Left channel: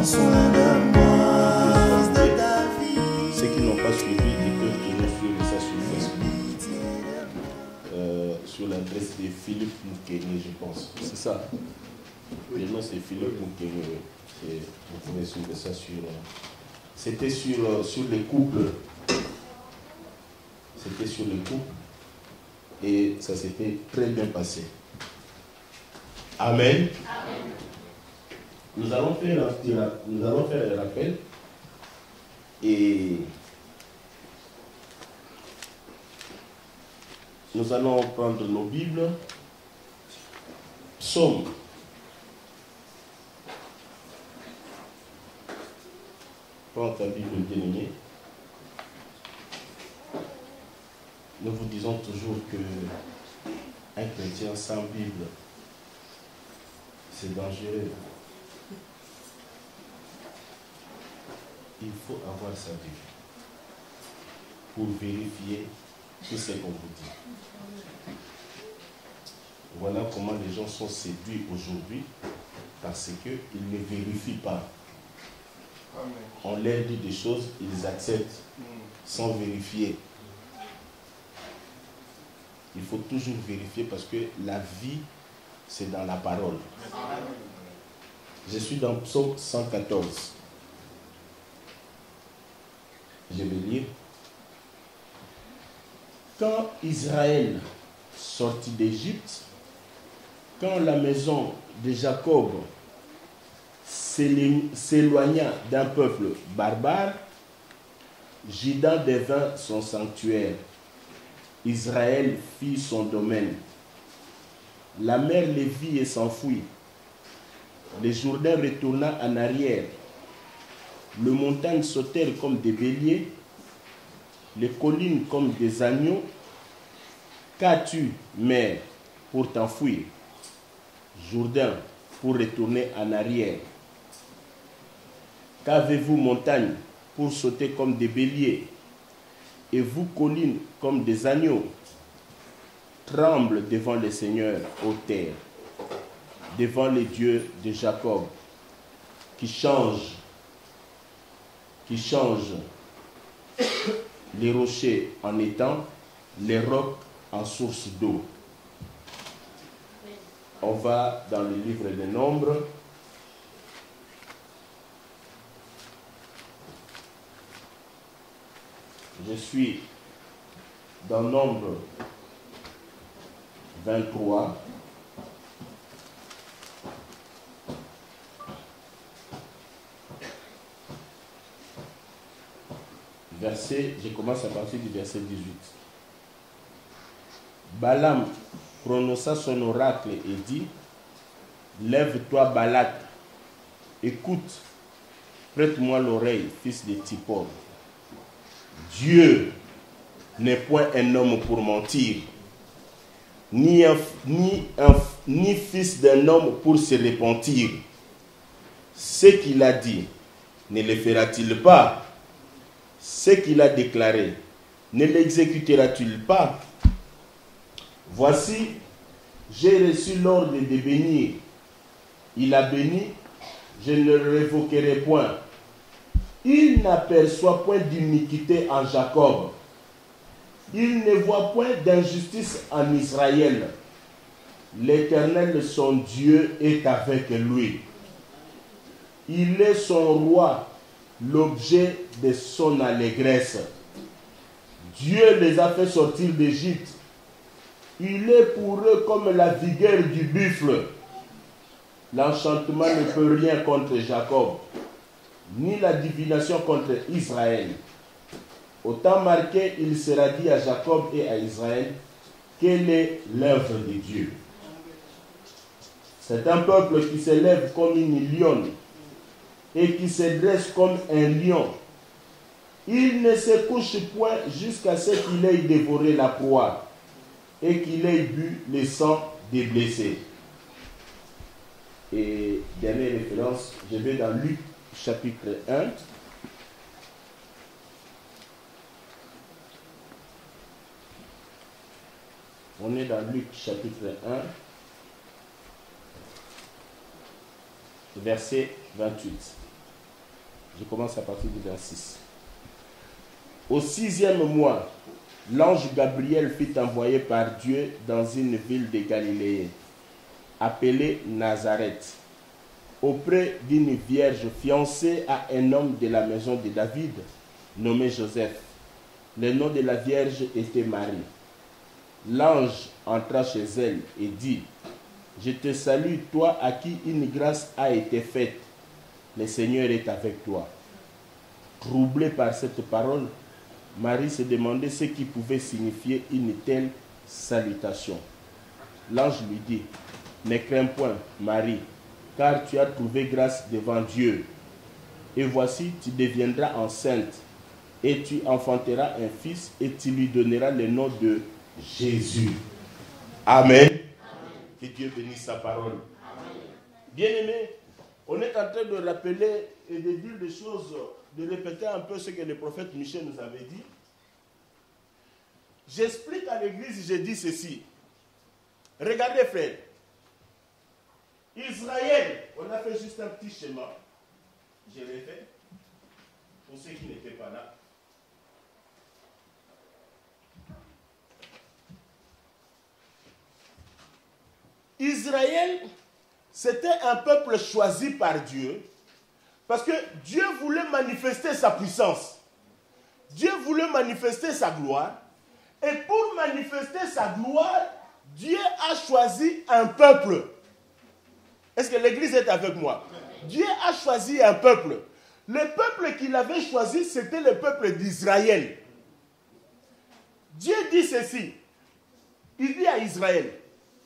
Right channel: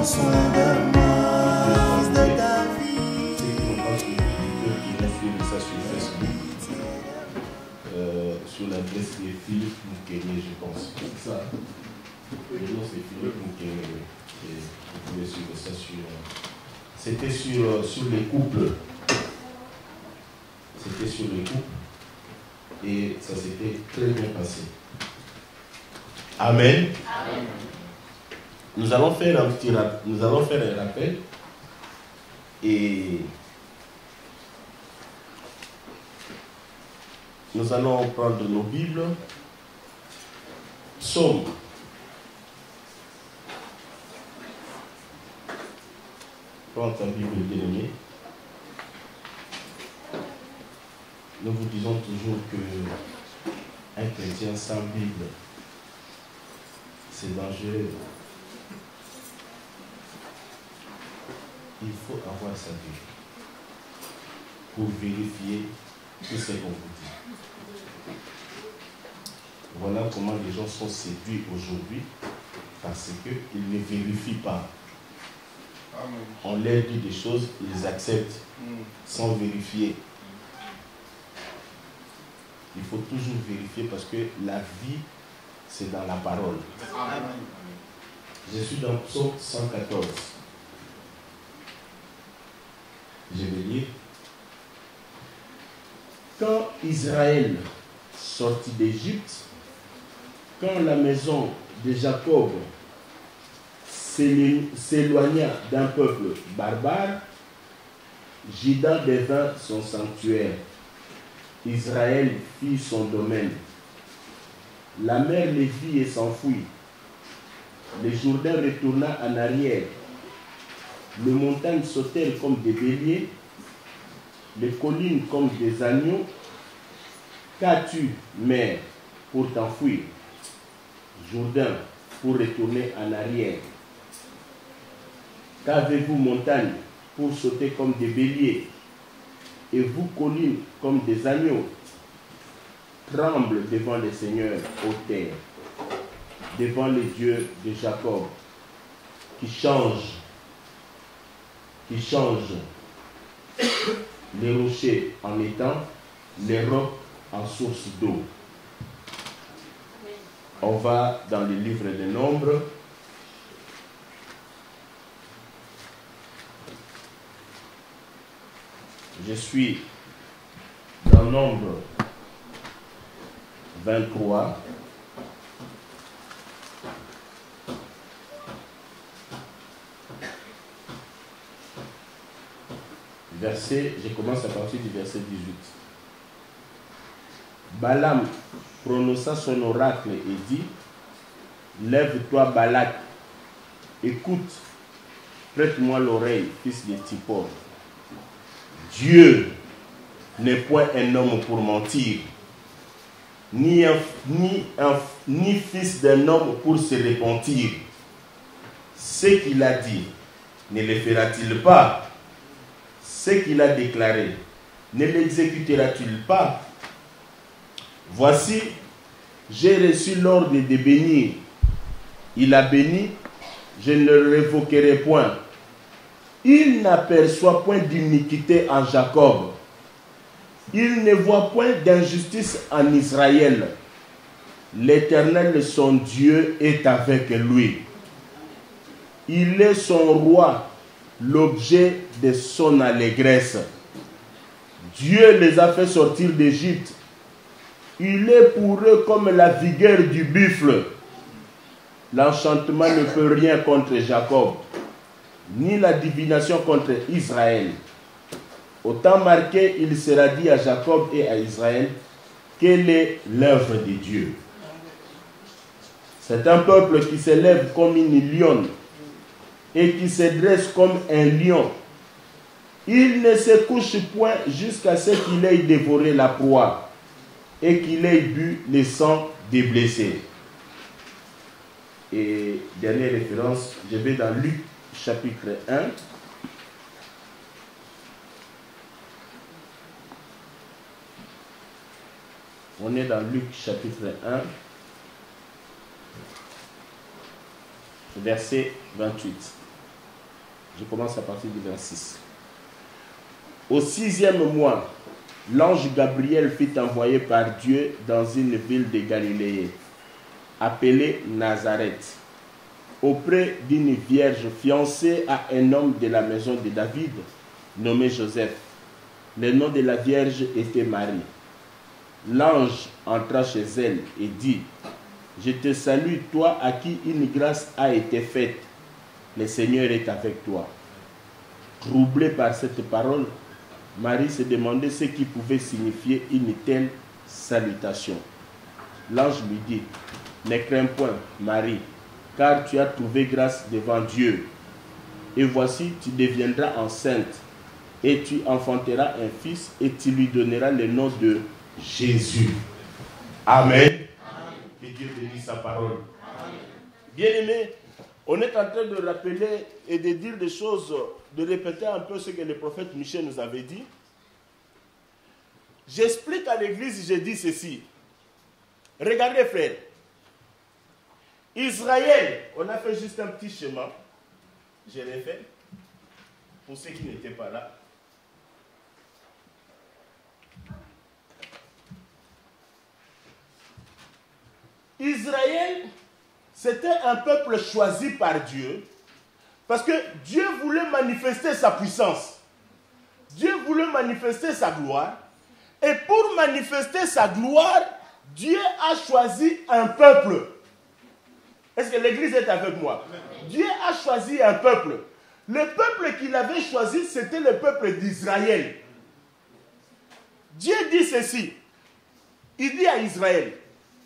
prends soin de moi, fils de David. Ceux qui n'ont pas suivi, qui ont suivi ça sur Facebook, sur l'adresse de Philippe Mukene, je pense. C'est ça. Le nom c'est Philippe Mukene. Et vous pouvez suivre ça sur. C'était sur les couples. C'était sur les couples. Et ça s'était très bien passé. Amen. Amen. Nous allons faire un rappel. Et nous allons prendre nos Bibles. Psaume. Prends ta Bible, bien-aimé. Nous vous disons toujours que un chrétien sans Bible, c'est dangereux. Il faut avoir sa Bible pour vérifier tout ce qu'on vous dit. Voilà comment les gens sont séduits aujourd'hui, parce qu'ils ne vérifient pas. On leur dit des choses, ils acceptent sans vérifier. Il faut toujours vérifier parce que la vie, c'est dans la parole. Je suis dans Psaume 114. Je vais lire. Quand Israël sortit d'Égypte, quand la maison de Jacob s'éloigna d'un peuple barbare, Juda devint son sanctuaire. Israël fit son domaine. La mer les vit et s'enfuit. Le Jourdain retourna en arrière. Les montagnes sautèrent comme des béliers, les collines comme des agneaux. Qu'as-tu, mer, pour t'enfuir? Jourdain, pour retourner en arrière. Qu'avez-vous, montagne, pour sauter comme des béliers, et vous, collines, comme des agneaux? Tremble devant le Seigneur, ô terre, devant les dieux de Jacob, qui change les rochers en étangs, les rocs en source d'eau. On va dans le livre des Nombres. Je suis dans Nombre 23. Je commence à partir du verset 18. Balaam prononça son oracle et dit: Lève-toi, Balak, écoute, prête-moi l'oreille, fils de Tippor. Dieu n'est point un homme pour mentir, ni fils d'un homme pour se repentir. Ce qu'il a dit, ne le fera-t-il pas? Ce qu'il a déclaré, ne l'exécutera-t-il pas? Voici, j'ai reçu l'ordre de bénir. Il a béni, je ne le révoquerai point. Il n'aperçoit point d'iniquité en Jacob. Il ne voit point d'injustice en Israël. L'Éternel, son Dieu, est avec lui. Il est son roi, l'objet de son allégresse. Dieu les a fait sortir d'Égypte. Il est pour eux comme la vigueur du buffle. L'enchantement ne peut rien contre Jacob, ni la divination contre Israël. Au temps marqué, il sera dit à Jacob et à Israël: quelle est l'œuvre de Dieu? C'est un peuple qui s'élève comme une lionne et qui se dresse comme un lion. Il ne se couche point jusqu'à ce qu'il ait dévoré la proie et qu'il ait bu le sang des blessés. Et dernière référence, je vais dans Luc chapitre 1. On est dans Luc chapitre 1, verset 28. Je commence à partir du verset 6. Au 6e mois, l'ange Gabriel fut envoyé par Dieu dans une ville de Galilée, appelée Nazareth, auprès d'une vierge fiancée à un homme de la maison de David, nommé Joseph. Le nom de la vierge était Marie. L'ange entra chez elle et dit, « Je te salue, toi à qui une grâce a été faite. Le Seigneur est avec toi. » Troublée par cette parole, Marie se demandait ce qui pouvait signifier une telle salutation. L'ange lui dit, « Ne crains point, Marie, car tu as trouvé grâce devant Dieu. Et voici, tu deviendras enceinte, et tu enfanteras un fils, et tu lui donneras le nom de Jésus. » Amen. Que Dieu bénisse sa parole. Bien-aimés, on est en train de rappeler et de dire des choses, de répéter un peu ce que le prophète Michel nous avait dit. J'explique à l'église, j'ai dit ceci. Regardez, frère. Israël, on a fait juste un petit schéma. Je l'ai fait. Pour ceux qui n'étaient pas là. Israël, c'était un peuple choisi par Dieu parce que Dieu voulait manifester sa puissance. Dieu voulait manifester sa gloire. Et pour manifester sa gloire, Dieu a choisi un peuple. Est-ce que l'église est avec moi? Dieu a choisi un peuple. Le peuple qu'il avait choisi, c'était le peuple d'Israël. Dieu dit ceci. Il dit à Israël,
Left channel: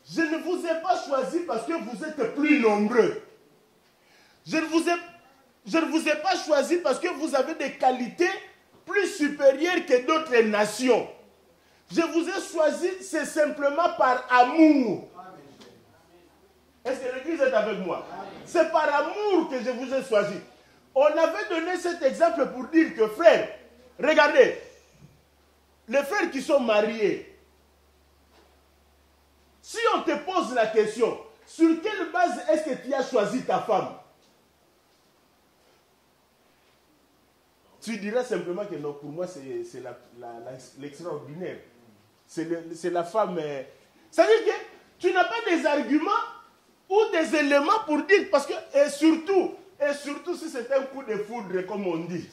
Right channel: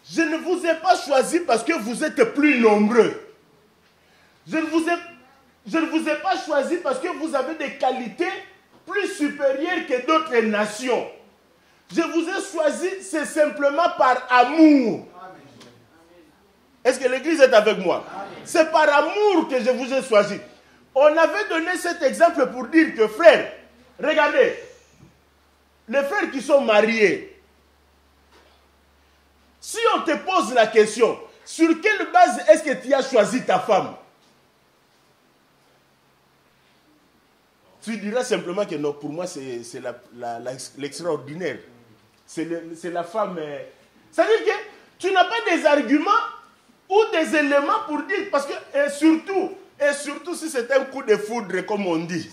je ne vous ai pas choisi parce que vous êtes plus nombreux. Je ne vous ai pas choisi parce que vous avez des qualités plus supérieures que d'autres nations. Je vous ai choisi, c'est simplement par amour. Est-ce que l'église est avec moi? C'est par amour que je vous ai choisi. On avait donné cet exemple pour dire que, frères, regardez, les frères qui sont mariés, si on te pose la question, sur quelle base est-ce que tu as choisi ta femme? Tu diras simplement que non, pour moi, c'est l'extraordinaire. C'est la femme. Ça veut dire que tu n'as pas des arguments ou des éléments pour dire, parce que, et surtout si c'est un coup de foudre, comme on dit.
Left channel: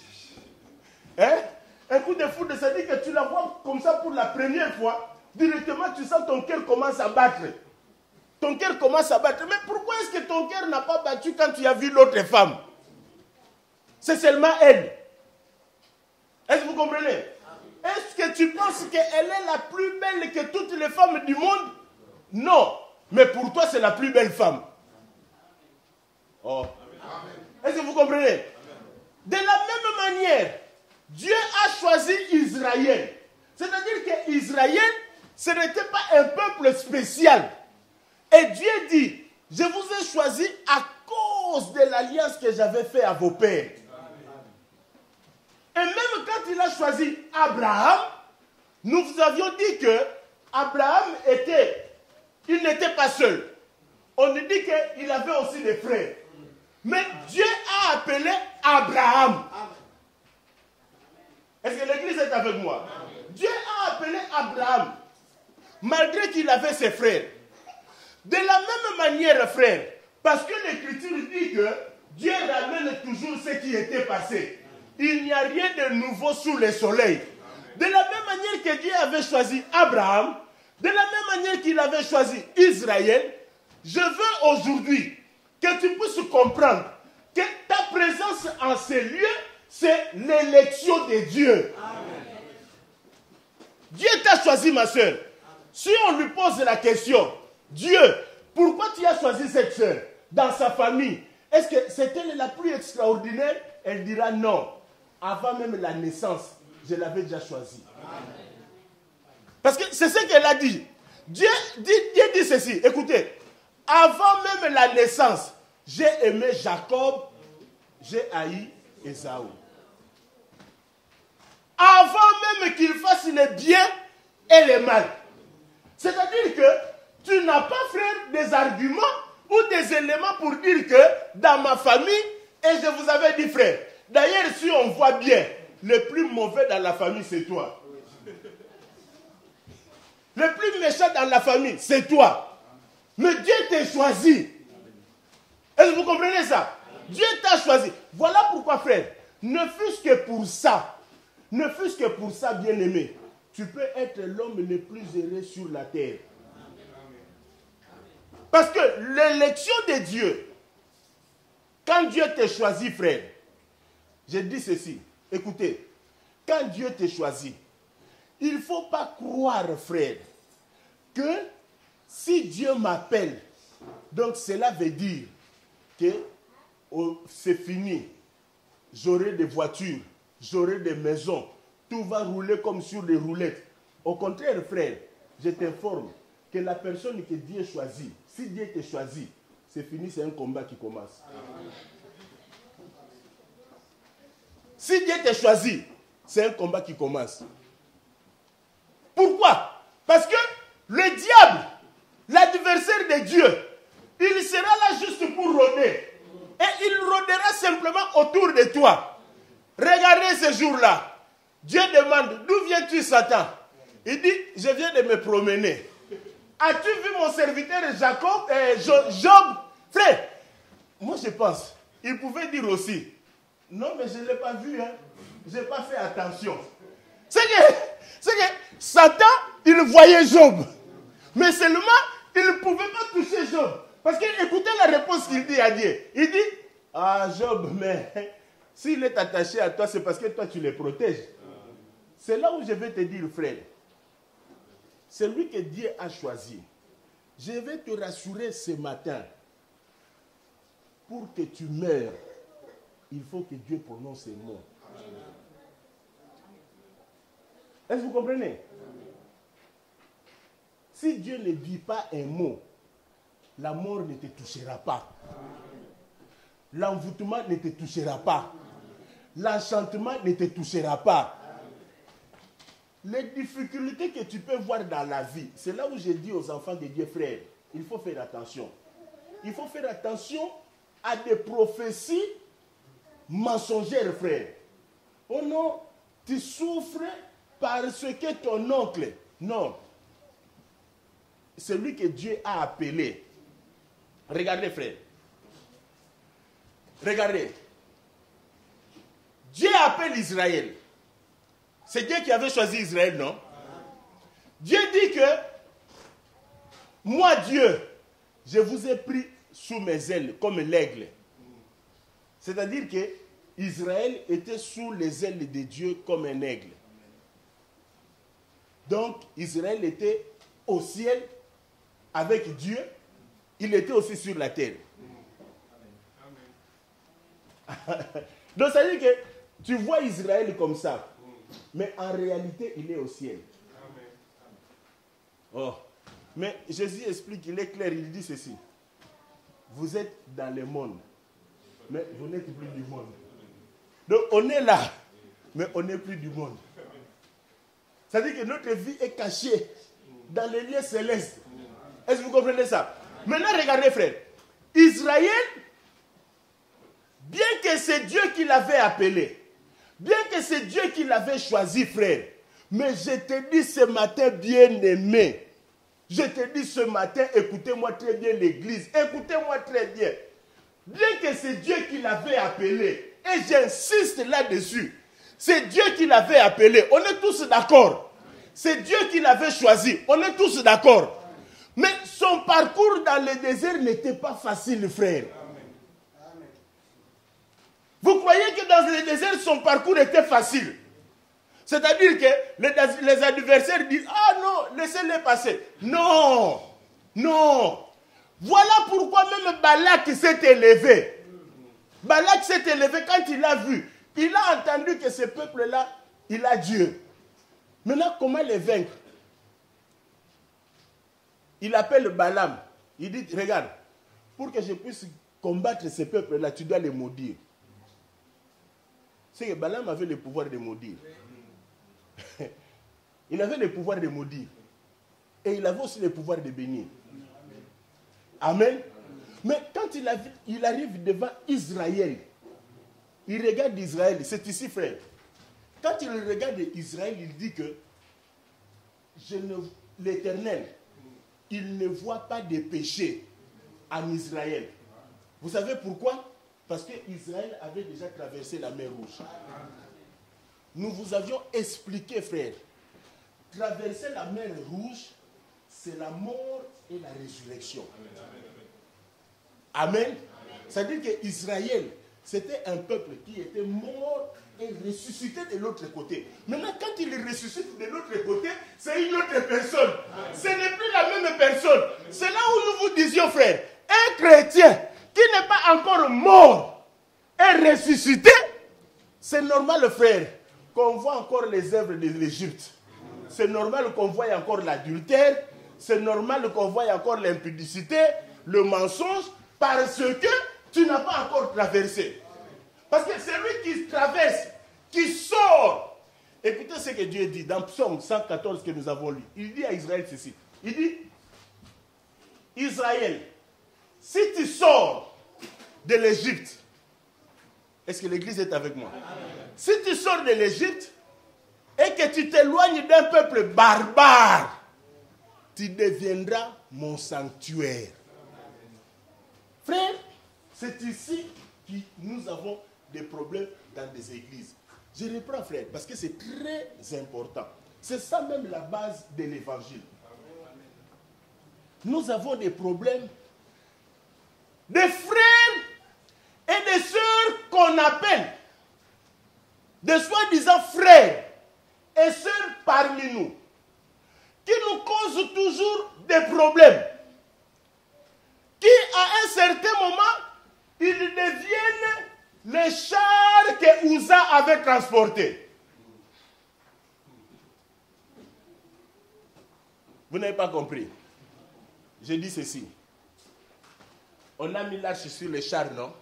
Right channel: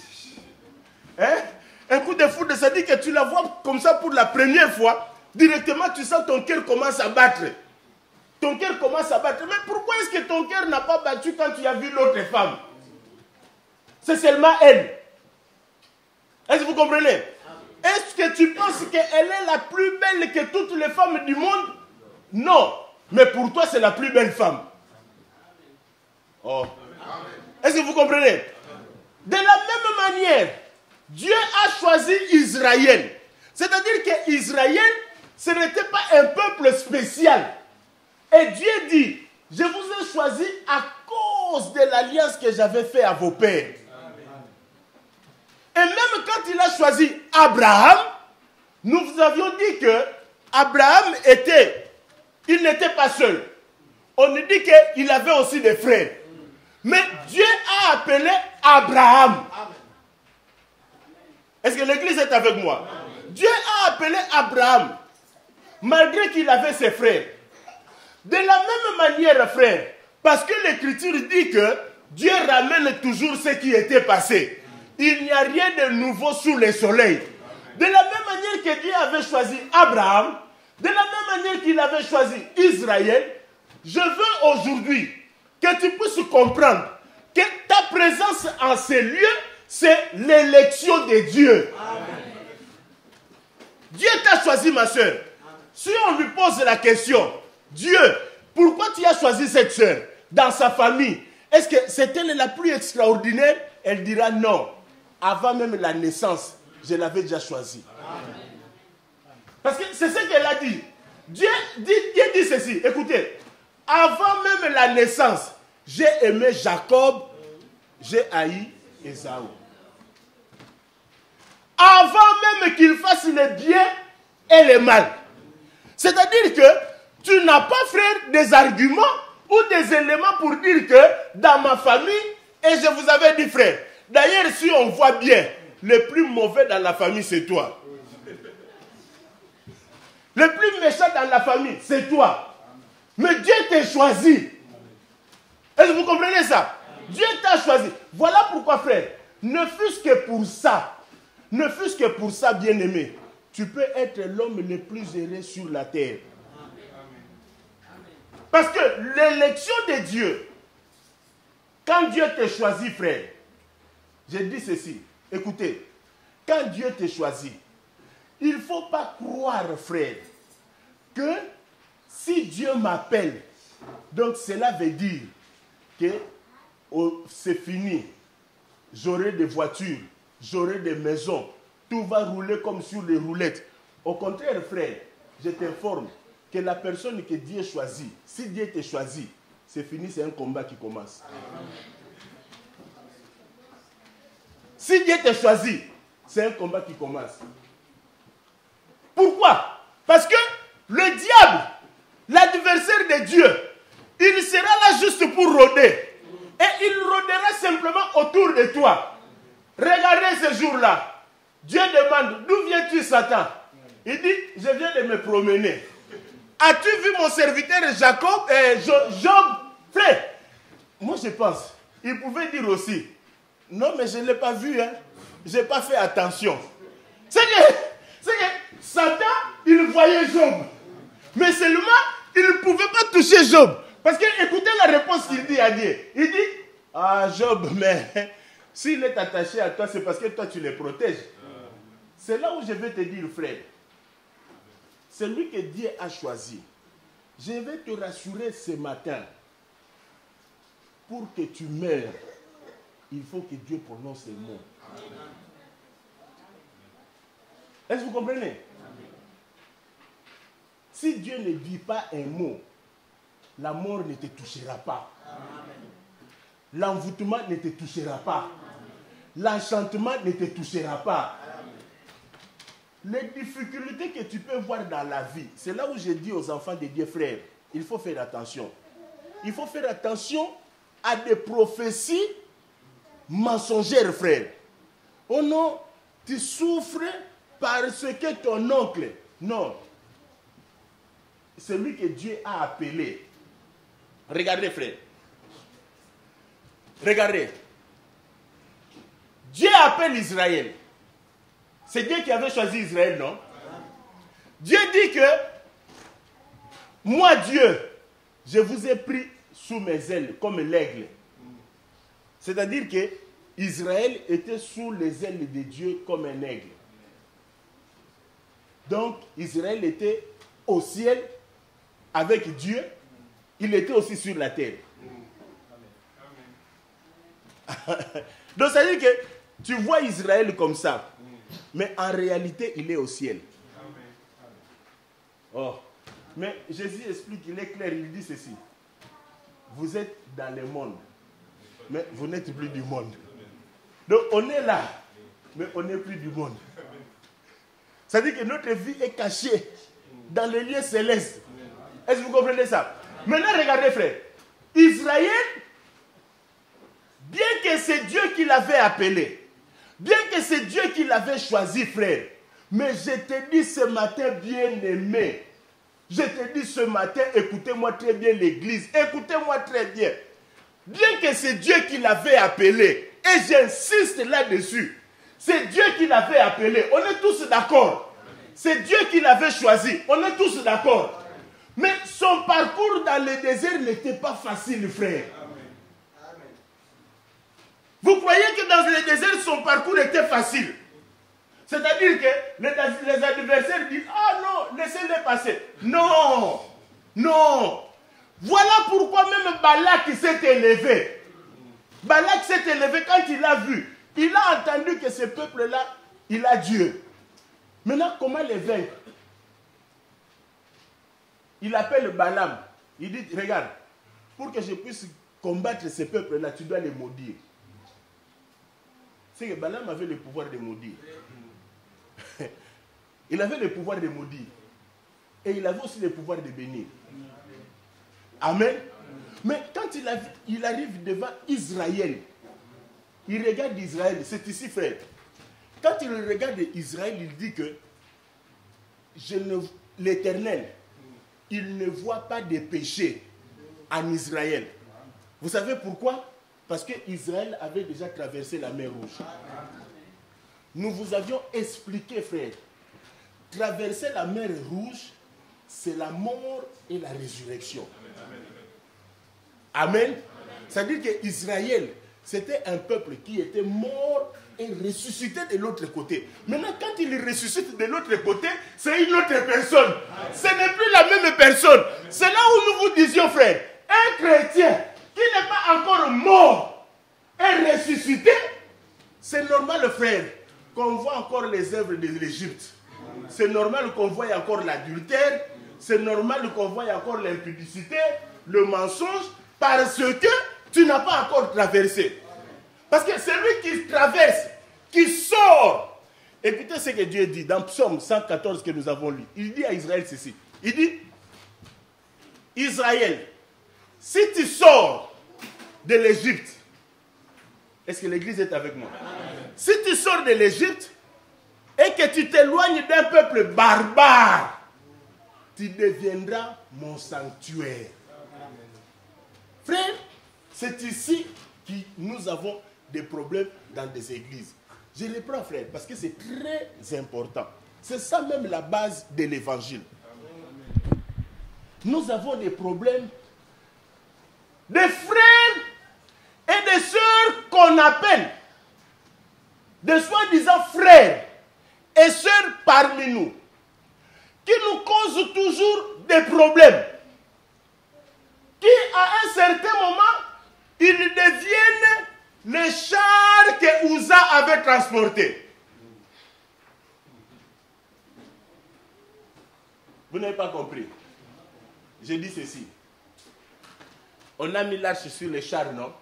Hein? Un coup de foudre, ça dit que tu la vois comme ça pour la première fois. Directement, tu sens ton cœur commence à battre. Ton cœur commence à battre. Mais pourquoi est-ce que ton cœur n'a pas battu quand tu as vu l'autre femme? C'est seulement elle. Est-ce que vous comprenez? Est-ce que tu penses qu'elle est la plus belle que toutes les femmes du monde? Non. Mais pour toi, c'est la plus belle femme. Oh. Est-ce que vous comprenez? De la même manière, Dieu a choisi Israël. C'est-à-dire qu'Israël, ce n'était pas un peuple spécial. Et Dieu dit, je vous ai choisi à cause de l'alliance que j'avais faite à vos pères. Et même quand il a choisi Abraham, nous vous avions dit que Abraham il n'était pas seul. On nous dit qu'il avait aussi des frères. Mais Dieu a appelé Abraham. Est-ce que l'église est avec moi? Dieu a appelé Abraham, malgré qu'il avait ses frères. De la même manière, frère, parce que l'Écriture dit que Dieu ramène toujours ce qui était passé. Il n'y a rien de nouveau sous le soleil. De la même manière que Dieu avait choisi Abraham, de la même manière qu'il avait choisi Israël, je veux aujourd'hui que tu puisses comprendre que ta présence en ces lieux, c'est l'élection de Dieu. Dieu t'a choisi, ma soeur. Si on lui pose la question, Dieu, pourquoi tu as choisi cette soeur dans sa famille? Est-ce que c'est elle la plus extraordinaire? Elle dira non. Avant même la naissance, je l'avais déjà choisie. Parce que c'est ce qu'elle a dit. Dieu dit ceci. Écoutez, avant même la naissance, j'ai aimé Jacob, j'ai haï Ésaü. Avant même qu'il fasse le bien et le mal. C'est-à-dire que tu n'as pas, frère, des arguments ou des éléments pour dire que dans ma famille, et je vous avais dit, frère, D'ailleurs, si on voit bien, le plus mauvais dans la famille, c'est toi. Le plus méchant dans la famille, c'est toi. Mais Dieu t'a choisi. Est-ce que vous comprenez ça? Dieu t'a choisi. Voilà pourquoi, frère, ne fût-ce que pour ça, bien-aimé, tu peux être l'homme le plus heureux sur la terre. Parce que l'élection de Dieu, quand Dieu t'a choisi, frère, je dis ceci, écoutez, quand Dieu t'a choisi, il ne faut pas croire, frère, que si Dieu m'appelle, donc cela veut dire que c'est fini. J'aurai des voitures, j'aurai des maisons, tout va rouler comme sur des roulettes. Au contraire, frère, je t'informe que la personne que Dieu choisit, si Dieu te choisit, c'est fini, c'est un combat qui commence. Si Dieu te choisit, c'est un combat qui commence. Pourquoi? Parce que le diable, l'adversaire de Dieu, il sera là juste pour rôder. Et il rôdera simplement autour de toi. Regardez ce jour-là. Dieu demande, d'où viens-tu, Satan? Il dit, je viens de me promener. As-tu vu mon serviteur Jacob, Job? Frère, moi je pense, il pouvait dire aussi, non mais je ne l'ai pas vu, hein. Je n'ai pas fait attention. C'est que Satan, il voyait Job. Mais seulement, il ne pouvait pas toucher Job. Parce que, écoutez la réponse qu'il dit à Dieu. Il dit, ah Job, mais s'il est attaché à toi, c'est parce que toi tu le protèges. C'est là où je vais te dire, frère. C'est lui que Dieu a choisi. Je vais te rassurer ce matin. Pour que tu meurs, il faut que Dieu prononce ces mots. Est-ce que vous comprenez? Si Dieu ne dit pas un mot, la mort ne te touchera pas. L'envoûtement ne te touchera pas. L'enchantement ne te touchera pas. Les difficultés que tu peux voir dans la vie, c'est là où je dis aux enfants de Dieu, frère, il faut faire attention. Il faut faire attention à des prophéties mensongères, frère. Oh non, tu souffres parce que ton oncle, non. C'est lui que Dieu a appelé. Regardez, frère. Regardez. Dieu appelle Israël. C'est Dieu qui avait choisi Israël, non? Dieu dit que, moi Dieu, je vous ai pris sous mes ailes comme l'aigle. C'est-à-dire que Israël était sous les ailes de Dieu comme un aigle. Donc, Israël était au ciel avec Dieu. Il était aussi sur la terre. Donc, ça veut dire que tu vois Israël comme ça. Mais en réalité, il est au ciel. Oh. Mais Jésus explique, il est clair, il dit ceci. Vous êtes dans le monde, mais vous n'êtes plus du monde. Donc on est là, mais on n'est plus du monde. Ça veut dire que notre vie est cachée dans les lieux célestes. Est-ce que vous comprenez ça? Maintenant, regardez, frère. Israël, bien que c'est Dieu qui l'avait appelé, bien que c'est Dieu qui l'avait choisi, frère, mais je te dis ce matin, bien-aimé, je te dis ce matin, écoutez-moi très bien l'église, écoutez-moi très bien. Bien que c'est Dieu qui l'avait appelé, et j'insiste là-dessus, c'est Dieu qui l'avait appelé, on est tous d'accord. C'est Dieu qui l'avait choisi, on est tous d'accord. Mais son parcours dans le désert n'était pas facile, frère. Vous croyez que dans le désert, son parcours était facile? C'est-à-dire que les adversaires disent, ah non, laissez-les passer. Non, non. Voilà pourquoi même Balak s'est élevé. Balak s'est élevé quand il a vu. Il a entendu que ce peuple-là, il a Dieu. Maintenant, comment les vaincre? Il appelle Balaam. Il dit, regarde, pour que je puisse combattre ce peuple-là, tu dois les maudire. C'est que Balaam avait le pouvoir de maudire. Il avait le pouvoir de maudire. Et il avait aussi le pouvoir de bénir. Amen. Mais quand il arrive devant Israël, Il regarde Israël, c'est ici, frère. Quand il regarde Israël, il dit que l'Éternel, il ne voit pas de péché en Israël. Vous savez pourquoi? Parce que Israël avait déjà traversé la mer Rouge. Nous vous avions expliqué, frère, traverser la mer Rouge, c'est la mort et la résurrection. Amen. Ça veut dire qu'Israël, c'était un peuple qui était mort et ressuscité de l'autre côté. Maintenant, quand il ressuscite de l'autre côté, c'est une autre personne. Ce n'est plus la même personne. C'est là où nous vous disions, frère, un chrétien qui n'est pas encore mort et ressuscité, c'est normal, frère, qu'on voit encore les œuvres de l'Égypte. C'est normal qu'on voie encore l'adultère. C'est normal qu'on voie encore l'impudicité, le mensonge, parce que tu n'as pas encore traversé. Parce que celui qui traverse, qui sort. Écoutez ce que Dieu dit dans Psaume 114 que nous avons lu. Il dit à Israël ceci. Il dit, Israël, si tu sors de l'Égypte, est-ce que l'Église est avec nous? Si tu sors de l'Égypte et que tu t'éloignes d'un peuple barbare, tu deviendras mon sanctuaire. Frère, c'est ici que nous avons des problèmes dans des églises. Je reprends, frère, parce que c'est très important. C'est ça même la base de l'évangile. Nous avons des problèmes des frères et des sœurs qu'on appelle de soi-disant frères et sœurs parmi nous, qui nous causent toujours des problèmes, qui à un certain moment, ils deviennent les chars que Uza avait transportés. Vous n'avez pas compris. J'ai dit ceci. On a mis l'arche sur les chars, non?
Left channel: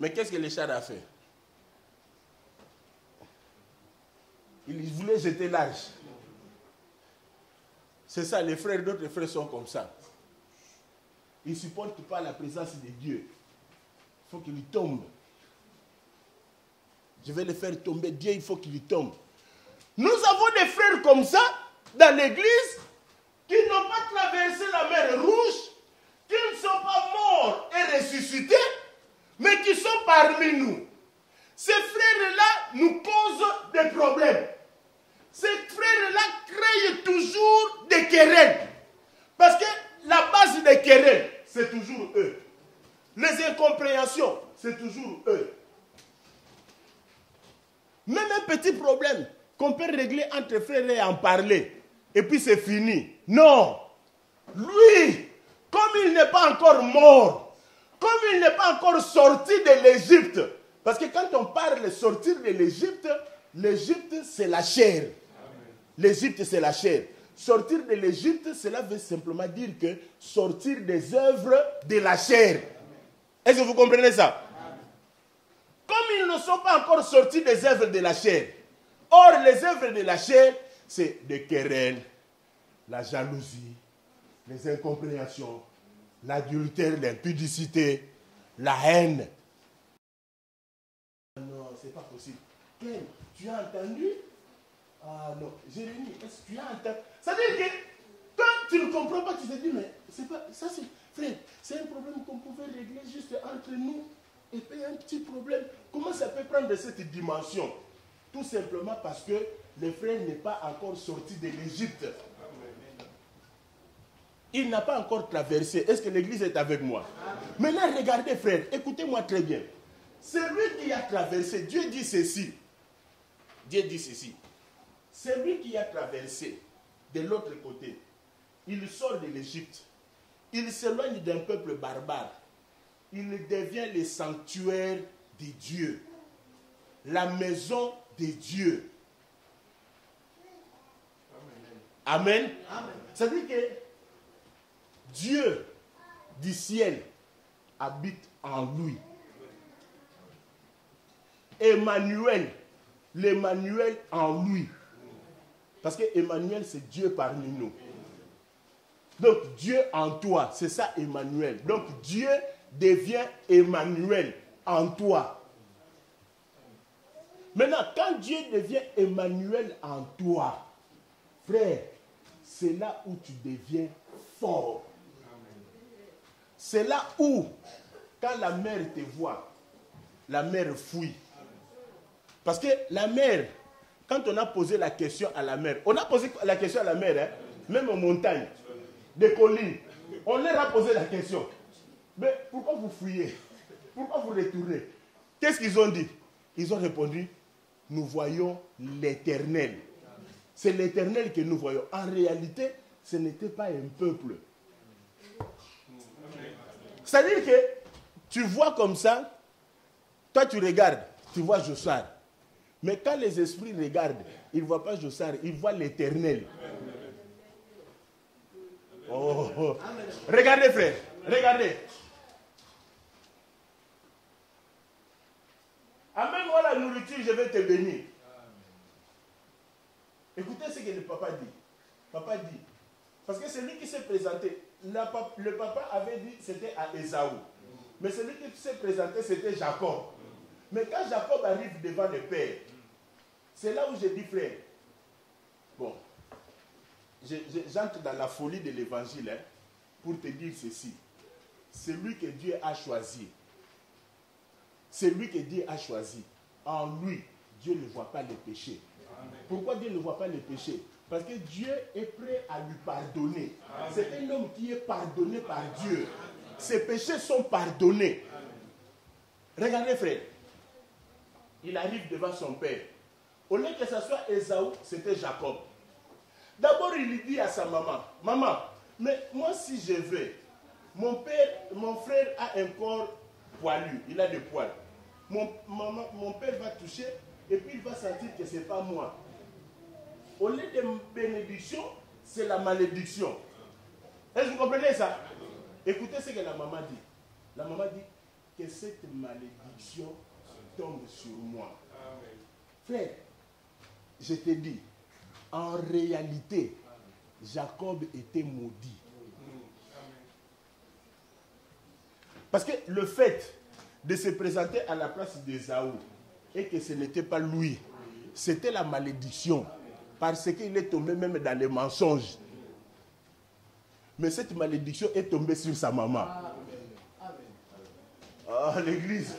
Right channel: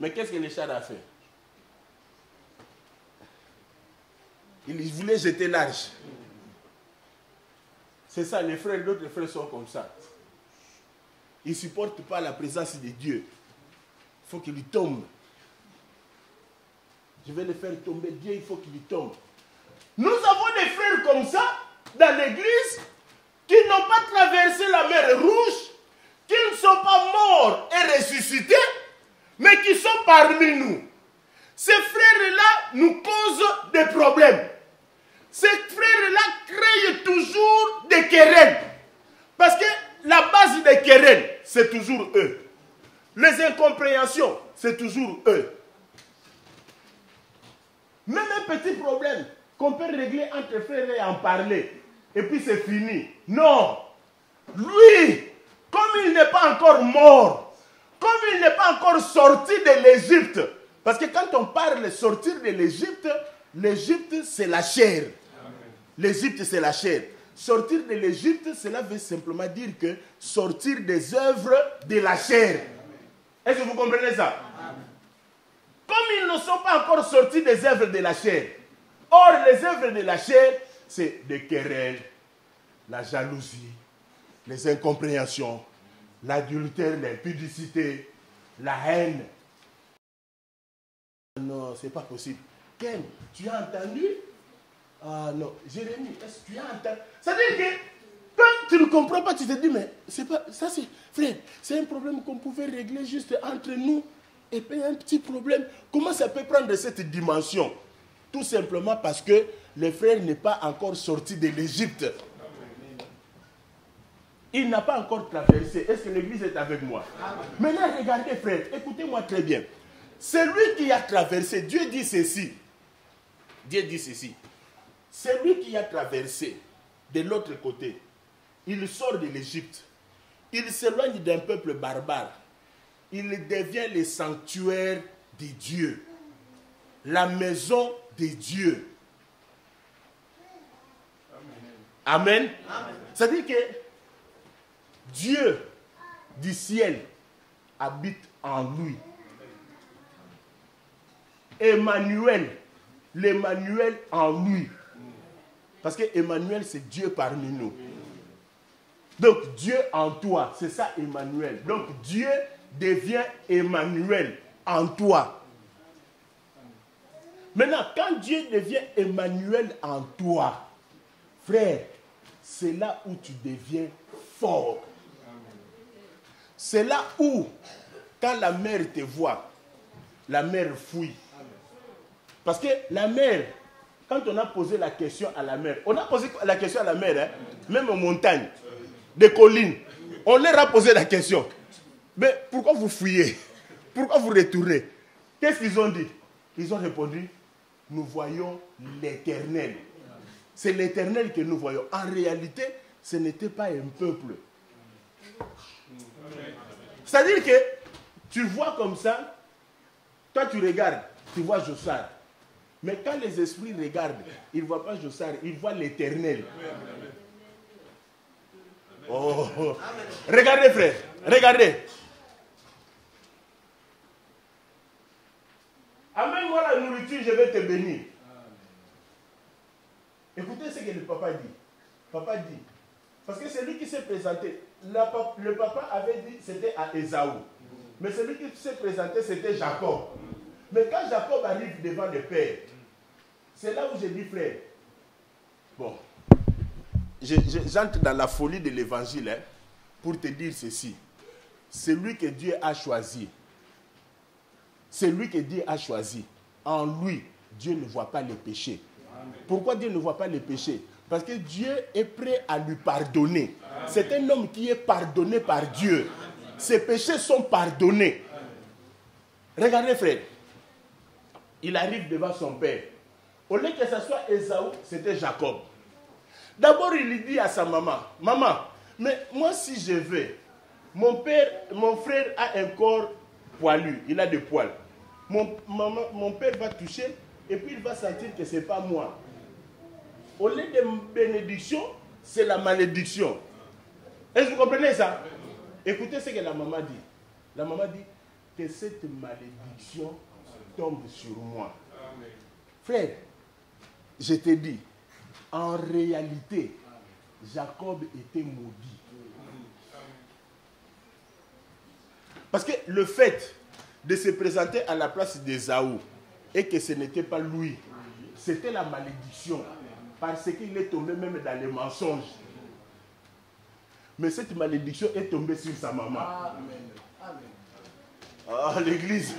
Mais qu'est-ce que les chars a fait? Ils voulaient jeter l'arche. C'est ça, les frères, d'autres frères sont comme ça. Ils ne supportent pas la présence de Dieu. Il faut qu'il tombe. Je vais le faire tomber. Dieu, il faut qu'il tombe. Nous avons des frères comme ça dans l'église qui n'ont pas traversé la mer Rouge, qui ne sont pas morts et ressuscités, mais qui sont parmi nous. Ces frères-là nous causent des problèmes. Ces frères-là créent toujours des querelles. Parce que la base des querelles, c'est toujours eux. Les incompréhensions, c'est toujours eux. Même un petit problème qu'on peut régler entre frères et en parler, et puis c'est fini. Non. Lui, comme il n'est pas encore mort, comme il n'est pas encore sorti de l'Égypte, parce que quand on parle de sortir de l'Égypte, l'Égypte c'est la chair. L'Égypte c'est la chair. Sortir de l'Égypte, cela veut simplement dire que sortir des œuvres de la chair. Est-ce que vous comprenez ça? Comme ils ne sont pas encore sortis des œuvres de la chair. Or, les œuvres de la chair, c'est des querelles, la jalousie, les incompréhensions, l'adultère, l'impudicité, la haine. Non, c'est pas possible. Ken, tu as entendu? Ah non, Jérémie, est-ce que tu as entendu? C'est-à-dire que quand tu ne comprends pas, tu te dis, mais c'est pas, ça c'est, frère, c'est un problème qu'on pouvait régler juste entre nous. Et puis un petit problème, comment ça peut prendre cette dimension? Tout simplement parce que le frère n'est pas encore sorti de l'Égypte. Il n'a pas encore traversé. Est-ce que l'Église est avec moi? Maintenant, regardez, frère, écoutez-moi très bien. Celui qui a traversé, Dieu dit ceci. Dieu dit ceci. Celui qui a traversé de l'autre côté, il sort de l'Égypte. Il s'éloigne d'un peuple barbare. Il devient le sanctuaire de Dieu. La maison de Dieu. Amen. Amen. C'est-à-dire que Dieu du ciel habite en lui. Emmanuel, l'Emmanuel en lui. Parce que Emmanuel, c'est Dieu parmi nous. Donc Dieu en toi, c'est ça Emmanuel. Donc Dieu devient Emmanuel en toi. Maintenant, quand Dieu devient Emmanuel en toi, frère, c'est là où tu deviens fort. C'est là où, quand la mère te voit, la mère fuit. Parce que la mère, quand on a posé la question à la mère, on a posé la question à la mère, même en montagne, des collines, on leur a posé la question. Mais pourquoi vous fuyez? Pourquoi vous retournez? Qu'est-ce qu'ils ont dit? Ils ont répondu, nous voyons l'Éternel. C'est l'Éternel que nous voyons. En réalité, ce n'était pas un peuple. C'est-à-dire que tu vois comme ça, toi tu regardes, tu vois Jossard. Mais quand les esprits regardent, ils ne voient pas Jossard, ils voient l'Éternel. Oh. Regardez frère, regardez. Amène-moi la nourriture, je vais te bénir. Écoutez ce que le papa dit. Papa dit, parce que celui qui s'est présenté, le papa avait dit c'était à Ésaü. Mais celui qui s'est présenté, c'était Jacob. Mais quand Jacob arrive devant le père, c'est là où j'ai dit, frère, bon, j'entre dans la folie de l'évangile pour te dire ceci. Celui que Dieu a choisi, celui que Dieu a choisi, en lui, Dieu ne voit pas les péchés. Pourquoi Dieu ne voit pas les péchés? Parce que Dieu est prêt à lui pardonner. C'est un homme qui est pardonné par Dieu. Ses péchés sont pardonnés. Regardez frère, il arrive devant son père. Au lieu que ce soit Ésaü, c'était Jacob. D'abord, il dit à sa maman, maman, mais moi si je vais, mon frère a un corps poilu, il a des poils. Mon père va toucher et puis il va sentir que ce n'est pas moi. Au lieu de bénédiction, c'est la malédiction. Est-ce que vous comprenez ça? Écoutez ce que la maman dit. La maman dit que cette malédiction tombe sur moi. Amen. Frère, je te dis, en réalité, Jacob était maudit. Parce que le fait de se présenter à la place d'Ésaü et que ce n'était pas lui, c'était la malédiction. Parce qu'il est tombé même dans les mensonges. Mais cette malédiction est tombée sur sa maman. Ah, l'église.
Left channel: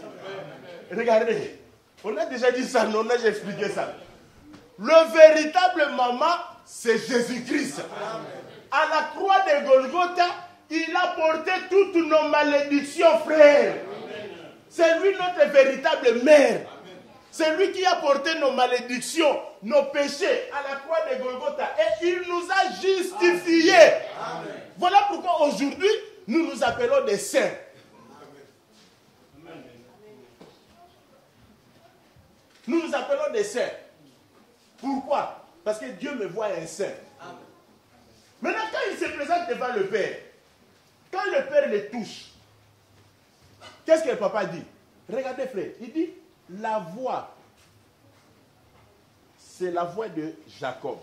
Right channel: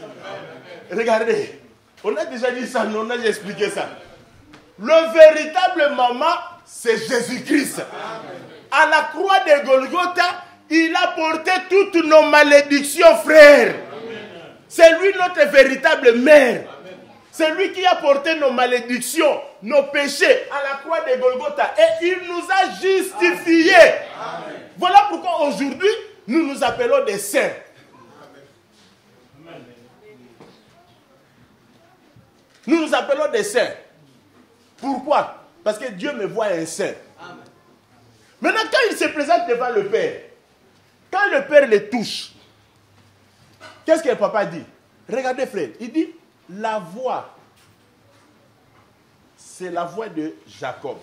Regardez, on a déjà dit ça, on a déjà expliqué ça. Le véritable maman, c'est Jésus-Christ. À la croix de Golgotha, il a porté toutes nos malédictions, frère. C'est lui notre véritable mère. C'est lui qui a porté nos malédictions, nos péchés à la croix de Golgotha. Et il nous a justifiés. Amen. Voilà pourquoi aujourd'hui, nous nous appelons des saints. Amen. Nous nous appelons des saints. Pourquoi? Parce que Dieu me voit un saint. Amen. Maintenant, quand il se présente devant le Père, quand le Père le touche, qu'est-ce que le papa dit? Regardez frère, il dit, la voix, c'est la voix de Jacob.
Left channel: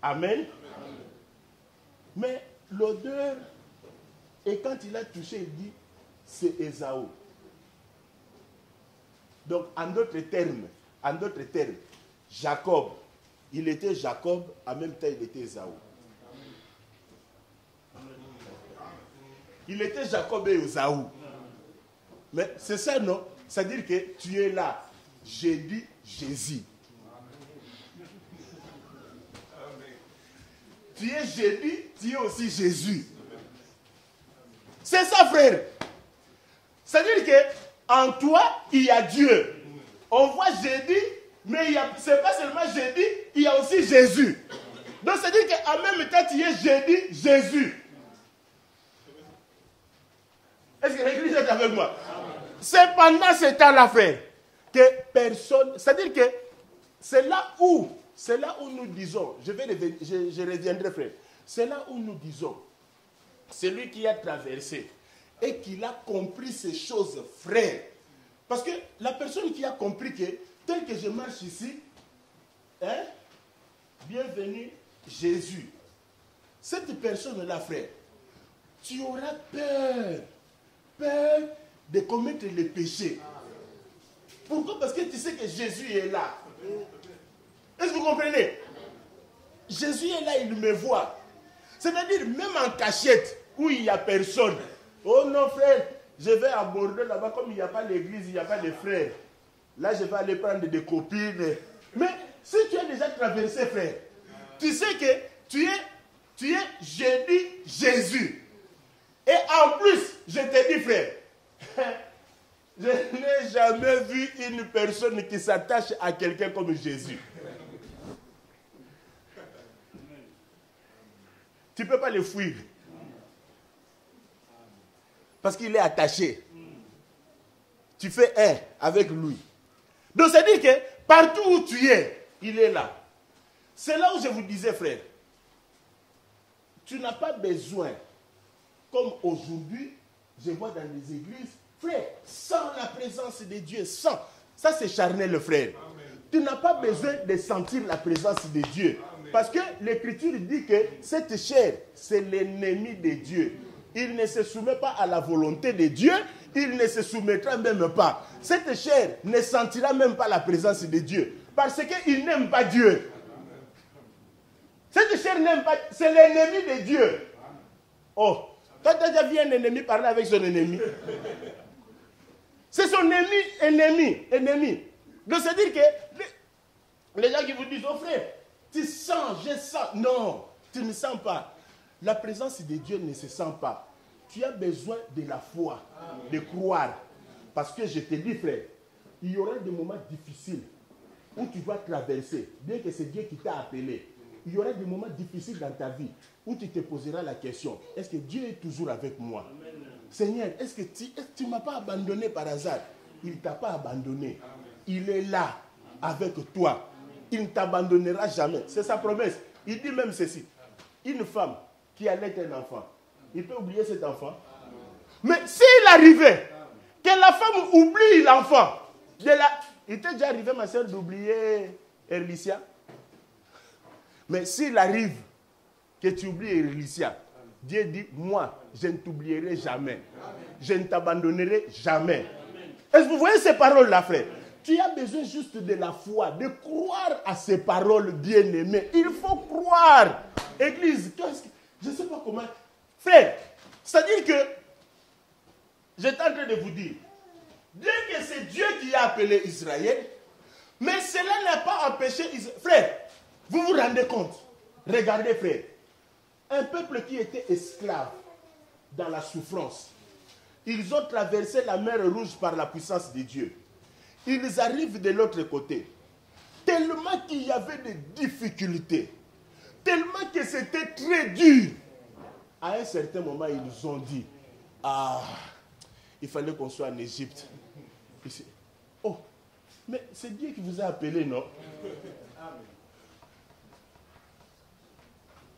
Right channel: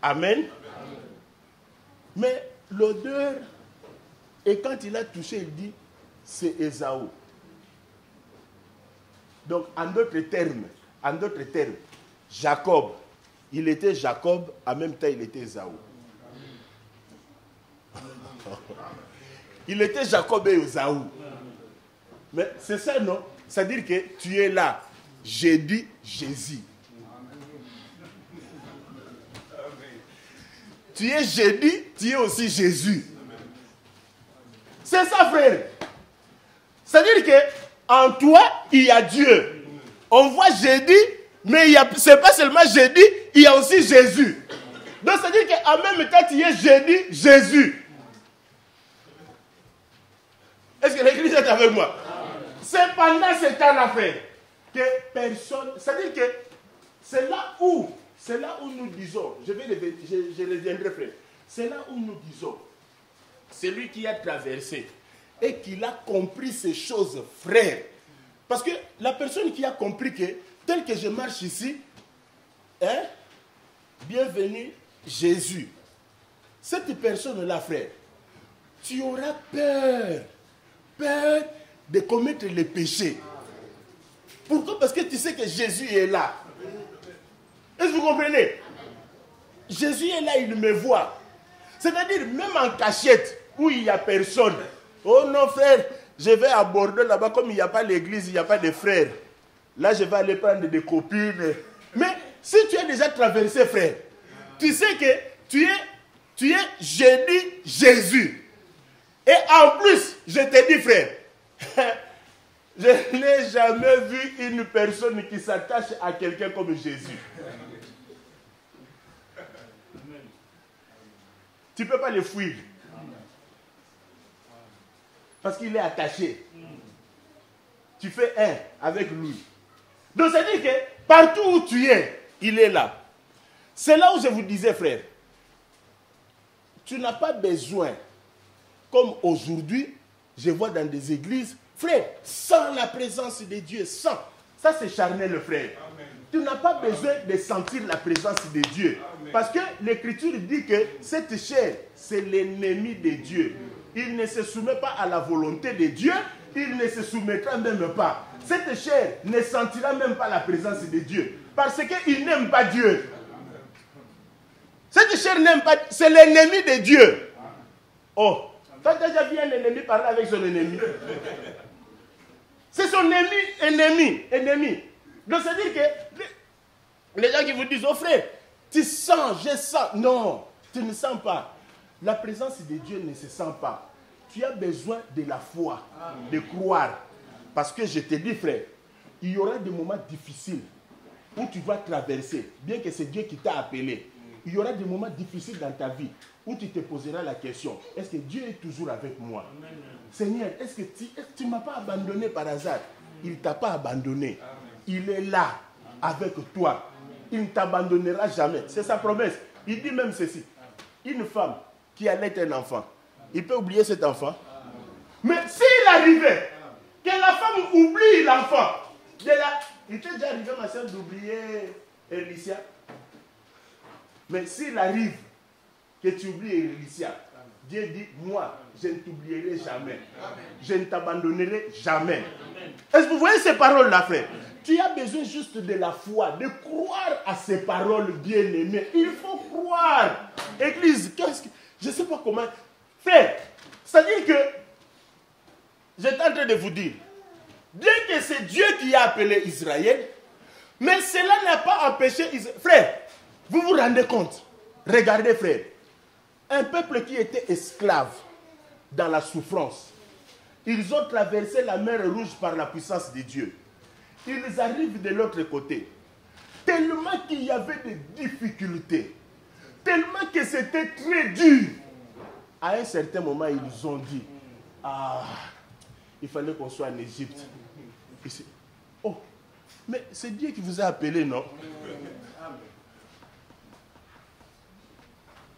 Amen. Amen. Mais l'odeur, et quand il a touché, il dit, c'est Ésaü. Donc, en d'autres termes, Jacob, il était Jacob, en même temps, il était Ésaü. Il était Jacob et Ésaü. Mais c'est ça, non? C'est-à-dire que tu es là. J'ai dit Jésus. Tu es Jésus, tu es aussi Jésus. C'est ça, frère. C'est-à-dire que en toi, il y a Dieu. On voit Jésus, mais ce n'est pas seulement Jésus, il y a aussi Jésus. Donc, c'est-à-dire qu'en même temps, tu es Jésus. Est-ce que l'église est avec moi? C'est pendant ce temps-là, frère, que personne... C'est-à-dire que c'est là où nous disons, je reviendrai, frère, c'est là où nous disons, celui qui a traversé et qui a compris ces choses, frère, parce que la personne qui a compris que, tel que je marche ici, bienvenue Jésus, cette personne-là, frère, tu auras peur de commettre les péchés. Pourquoi? Parce que tu sais que Jésus est là. Est-ce que vous comprenez? Jésus est là, il me voit. C'est-à-dire, même en cachette, où il n'y a personne. Oh non, frère, je vais aborder là-bas, comme il n'y a pas l'église, il n'y a pas de frères. Là, je vais aller prendre des copines. Mais si tu as déjà traversé, frère, tu sais que tu es Jésus. Et en plus, je te dis, frère, je n'ai jamais vu une personne qui s'attache à quelqu'un comme Jésus. Tu ne peux pas le fuir. Parce qu'il est attaché. Tu fais un avec lui. Donc, c'est-à-dire que partout où tu es, il est là. C'est là où je vous disais, frère, tu n'as pas besoin, comme aujourd'hui, je vois dans des églises, frère, sans la présence de Dieu, sans. Ça, c'est charnel, le frère. Amen. Tu n'as pas besoin de sentir la présence de Dieu. Amen. Parce que l'Écriture dit que cette chair, c'est l'ennemi de Dieu. Il ne se soumet pas à la volonté de Dieu, il ne se soumettra même pas. Cette chair ne sentira même pas la présence de Dieu. Parce qu'il n'aime pas Dieu. Cette chair n'aime pas, c'est l'ennemi de Dieu. Oh, tu as déjà vu un ennemi parler avec son ennemi? C'est son ennemi. Donc c'est-à-dire que les gens qui vous disent, oh frère, tu sens, je sens. Non, tu ne sens pas. La présence de Dieu ne se sent pas. Tu as besoin de la foi, de croire. Parce que je te dis, frère, il y aura des moments difficiles où tu vas traverser, bien que c'est Dieu qui t'a appelé. Il y aura des moments difficiles dans ta vie où tu te poseras la question, est-ce que Dieu est toujours avec moi? Amen. Seigneur, est-ce que tu ne m'as pas abandonné par hasard? Il ne t'a pas abandonné. Amen. Il est là avec toi. Il ne t'abandonnera jamais. C'est sa promesse. Il dit même ceci. Une femme qui allait un enfant, il peut oublier cet enfant. Mais s'il arrivait que la femme oublie l'enfant, il t'est déjà arrivé, ma soeur, d'oublier Erlicia? Mais s'il arrive que tu oublies Erlicia, Dieu dit, moi, je ne t'oublierai jamais. Je ne t'abandonnerai jamais. Est-ce que vous voyez ces paroles-là, frère? Tu as besoin juste de la foi, de croire à ces paroles bien-aimées. Il faut croire. Église, je ne sais pas comment. Frère, c'est-à-dire que, j'étais en train de vous dire, bien que c'est Dieu qui a appelé Israël, mais cela n'a pas empêché Israël. Frère, vous vous rendez compte? Regardez, frère. Un peuple qui était esclave dans la souffrance. Ils ont traversé la mer Rouge par la puissance de Dieu. Ils arrivent de l'autre côté. Tellement qu'il y avait des difficultés. Tellement que c'était très dur. À un certain moment, ils ont dit, il fallait qu'on soit en Égypte. Oh, mais c'est Dieu qui vous a appelé, non? Amen.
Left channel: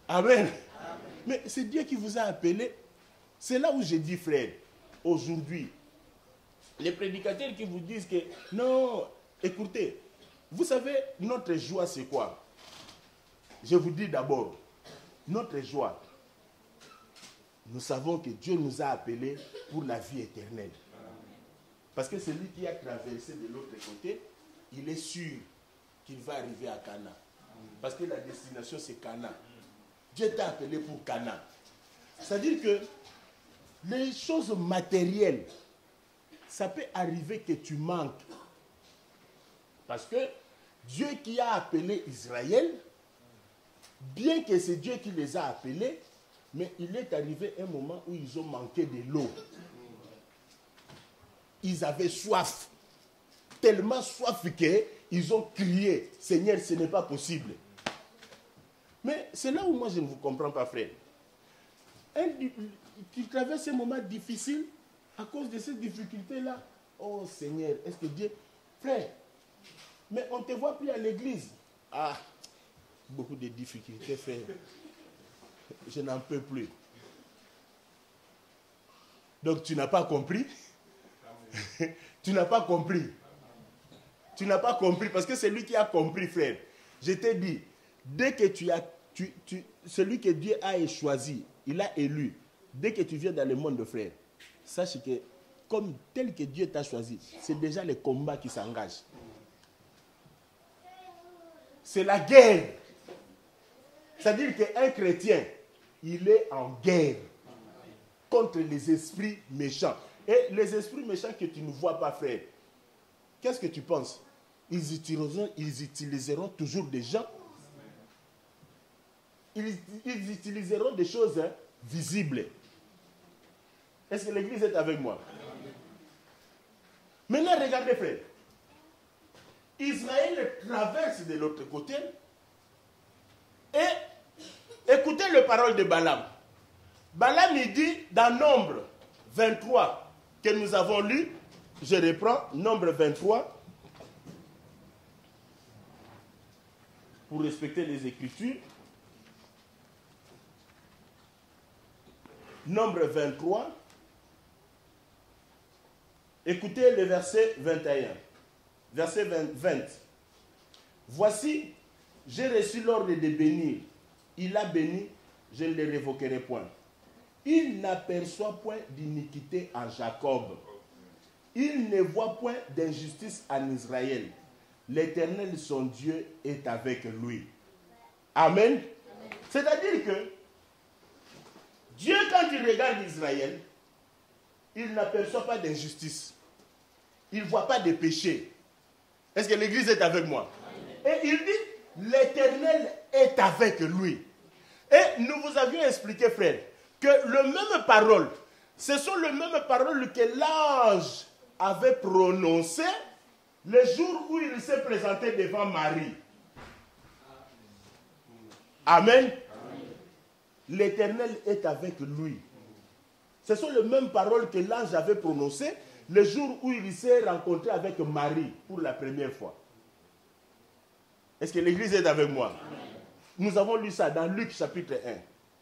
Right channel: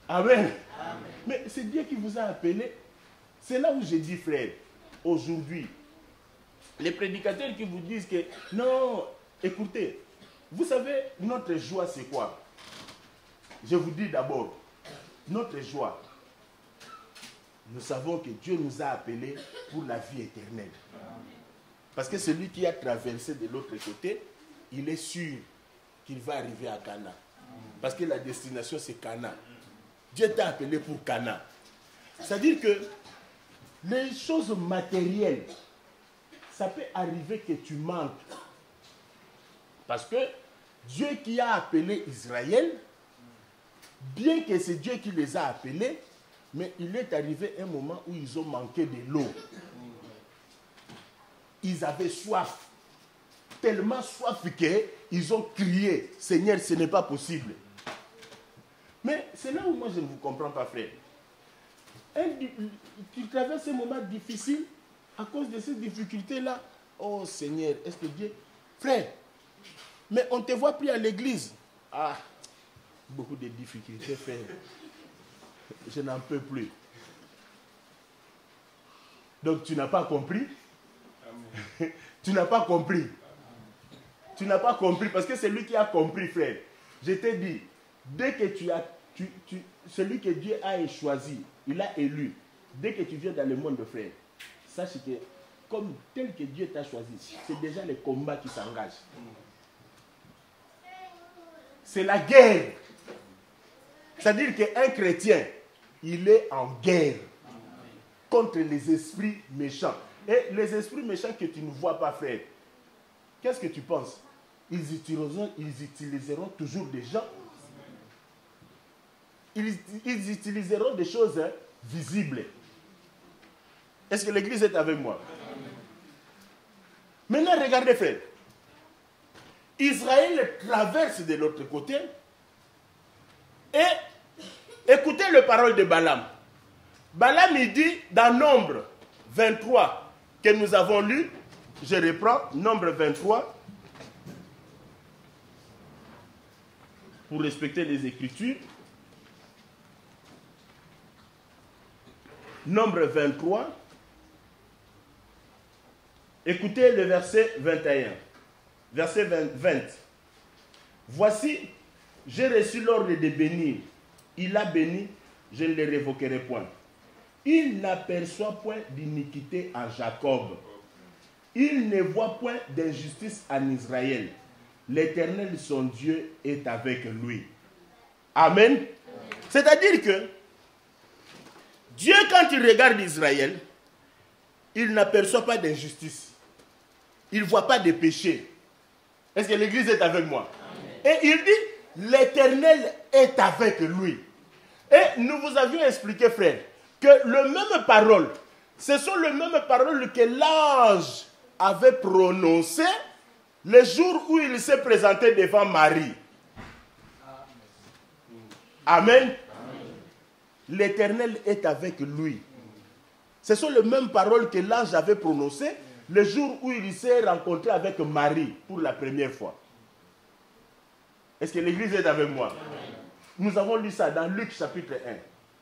Amen. Mais c'est Dieu qui vous a appelé. C'est là où j'ai dit, frère, aujourd'hui, les prédicateurs qui vous disent que, non, écoutez, vous savez, notre joie, c'est quoi? Je vous dis d'abord, notre joie, nous savons que Dieu nous a appelés pour la vie éternelle. Parce que celui qui a traversé de l'autre côté, il est sûr qu'il va arriver à Cana. Parce que la destination, c'est Cana. Dieu t'a appelé pour Cana. C'est-à-dire que les choses matérielles, ça peut arriver que tu manques. Parce que Dieu qui a appelé Israël, bien que c'est Dieu qui les a appelés, mais il est arrivé un moment où ils ont manqué de l'eau. Ils avaient soif. Tellement soif qu'ils ont crié, Seigneur, ce n'est pas possible. Mais c'est là où moi je ne vous comprends pas, frère. Tu traverses un moment difficile à cause de ces difficultés-là. Oh Seigneur, est-ce que Dieu... Frère, mais on ne te voit plus à l'église. Beaucoup de difficultés, frère. Je n'en peux plus. Donc tu n'as pas compris? Tu n'as pas compris. Tu n'as pas compris parce que c'est lui qui a compris, frère. Je t'ai dit, dès que celui que Dieu a choisi, il a élu, dès que tu viens dans le monde, frère, sache que comme tel que Dieu t'a choisi, c'est déjà les combats qui s'engagent. C'est la guerre. C'est-à-dire qu'un chrétien, il est en guerre contre les esprits méchants. Et les esprits méchants que tu ne vois pas, frère, qu'est-ce que tu penses? Ils utiliseront toujours des gens. Ils utiliseront des choses visibles. Est-ce que l'église est avec moi? Maintenant, regardez, frère. Israël traverse de l'autre côté et écoutez les paroles de Balaam. Balaam, il dit dans Nombre 23 que nous avons lu, je reprends, Nombre 23, pour respecter les Écritures. Nombre 23, écoutez le verset 21. Verset 20. Voici, j'ai reçu l'ordre de bénir. Il a béni, je ne le révoquerai point. Il n'aperçoit point d'iniquité en Jacob. Il ne voit point d'injustice en Israël. L'Éternel, son Dieu, est avec lui. Amen. C'est-à-dire que Dieu, quand il regarde Israël, il n'aperçoit pas d'injustice. Il ne voit pas de péché. Est-ce que l'église est avec moi? Amen. Et il dit, l'Éternel est avec lui. Et nous vous avions expliqué, frère, que le même parole, ce sont les mêmes paroles que l'ange avait prononcées le jour où il s'est présenté devant Marie. Amen. Amen. L'Éternel est avec lui. Ce sont les mêmes paroles que l'ange avait prononcées le jour où il s'est rencontré avec Marie pour la première fois. Est-ce que l'église est avec moi? Amen. Nous avons lu ça dans Luc chapitre 1,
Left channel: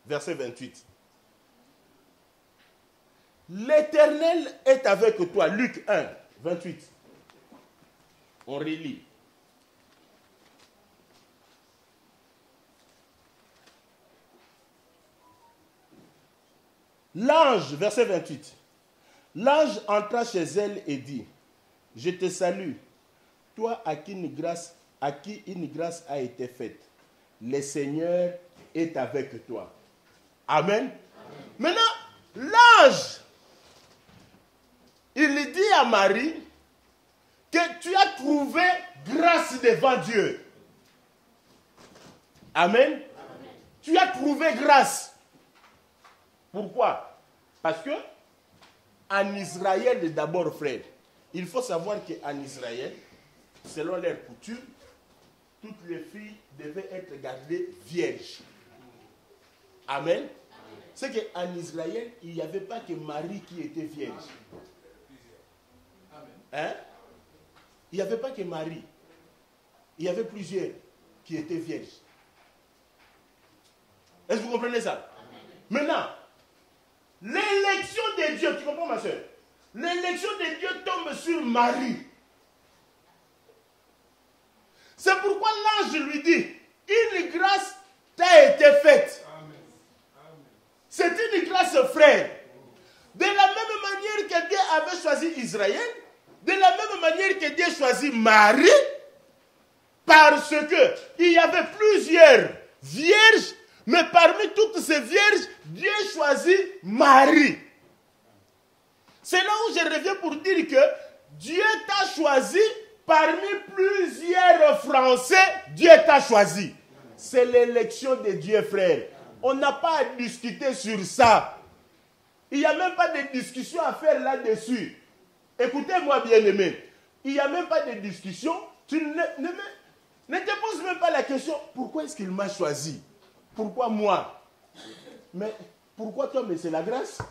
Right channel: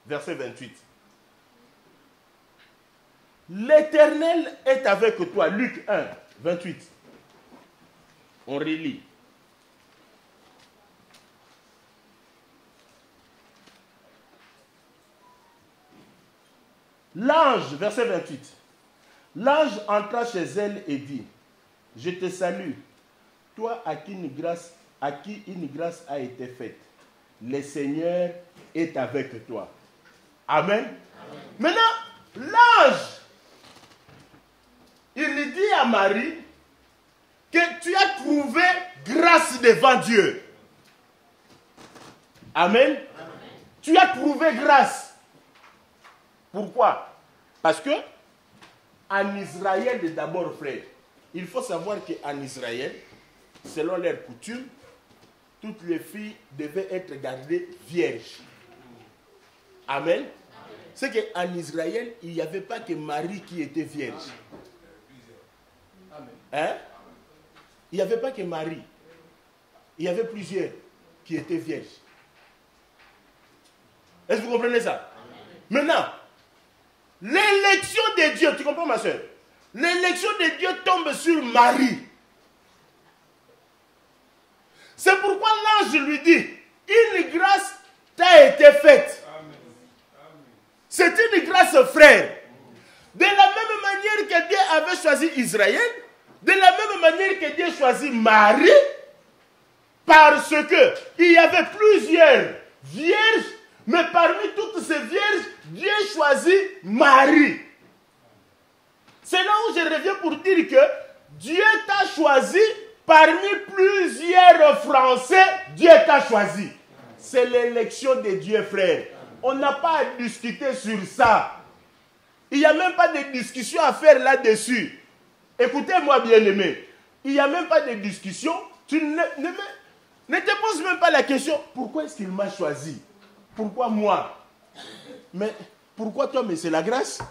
verset 28. L'Éternel est avec toi. Luc 1, 28. On relit. L'ange, verset 28. L'ange entra chez elle et dit, je te salue, toi à qui une grâce a été faite. Le Seigneur est avec toi. Amen. Amen. Maintenant, l'ange, il dit à Marie que tu as trouvé grâce devant Dieu. Amen. Amen. Tu as trouvé grâce. Pourquoi? Parce que en Israël, d'abord, frère, il faut savoir qu'en Israël, selon leurs coutumes, toutes les filles devaient être gardées vierges. Amen. C'est qu'en Israël, il n'y avait pas que Marie qui était vierge. Hein? Il n'y avait pas que Marie. Il y avait plusieurs qui étaient vierges. Est-ce que vous comprenez ça? Maintenant, l'élection de Dieu, tu comprends ma soeur? L'élection de Dieu tombe sur Marie. C'est pourquoi l'ange lui dit, une grâce t'a été faite. C'est une grâce, frère. De la même manière que Dieu avait choisi Israël, de la même manière que Dieu choisit Marie, parce que il y avait plusieurs vierges, mais parmi toutes ces vierges, Dieu choisit Marie. C'est là où je reviens pour dire que Dieu t'a choisi parmi plusieurs Français, Dieu t'a choisi. C'est l'élection de Dieu, frère. On n'a pas à discuter sur ça. Il n'y a même pas de discussion à faire là-dessus. Écoutez-moi, bien-aimé. Il n'y a même pas de discussion. Tu ne te poses même pas la question, pourquoi est-ce qu'il m'a choisi? Pourquoi moi? Mais pourquoi toi? Mais c'est la grâce.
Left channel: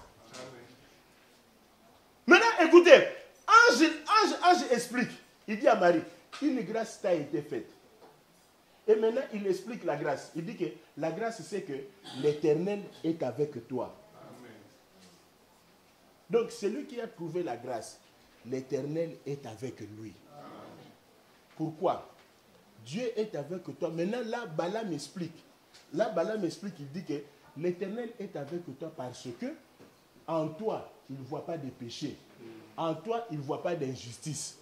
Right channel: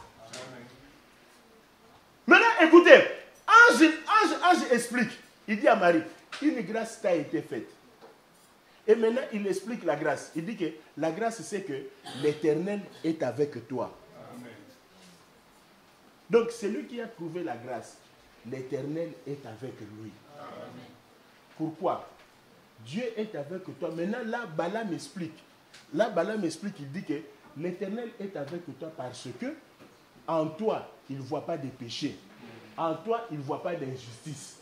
Maintenant, écoutez, ange explique. Il dit à Marie, une grâce t'a été faite. Et maintenant, il explique la grâce. Il dit que la grâce, c'est que l'Éternel est avec toi. Amen. Donc, celui qui a trouvé la grâce, l'Éternel est avec lui. Amen. Pourquoi? Dieu est avec toi. Maintenant, là, Balaam explique. Il dit que l'Éternel est avec toi parce que en toi, il ne voit pas de péché. En toi, il ne voit pas d'injustice.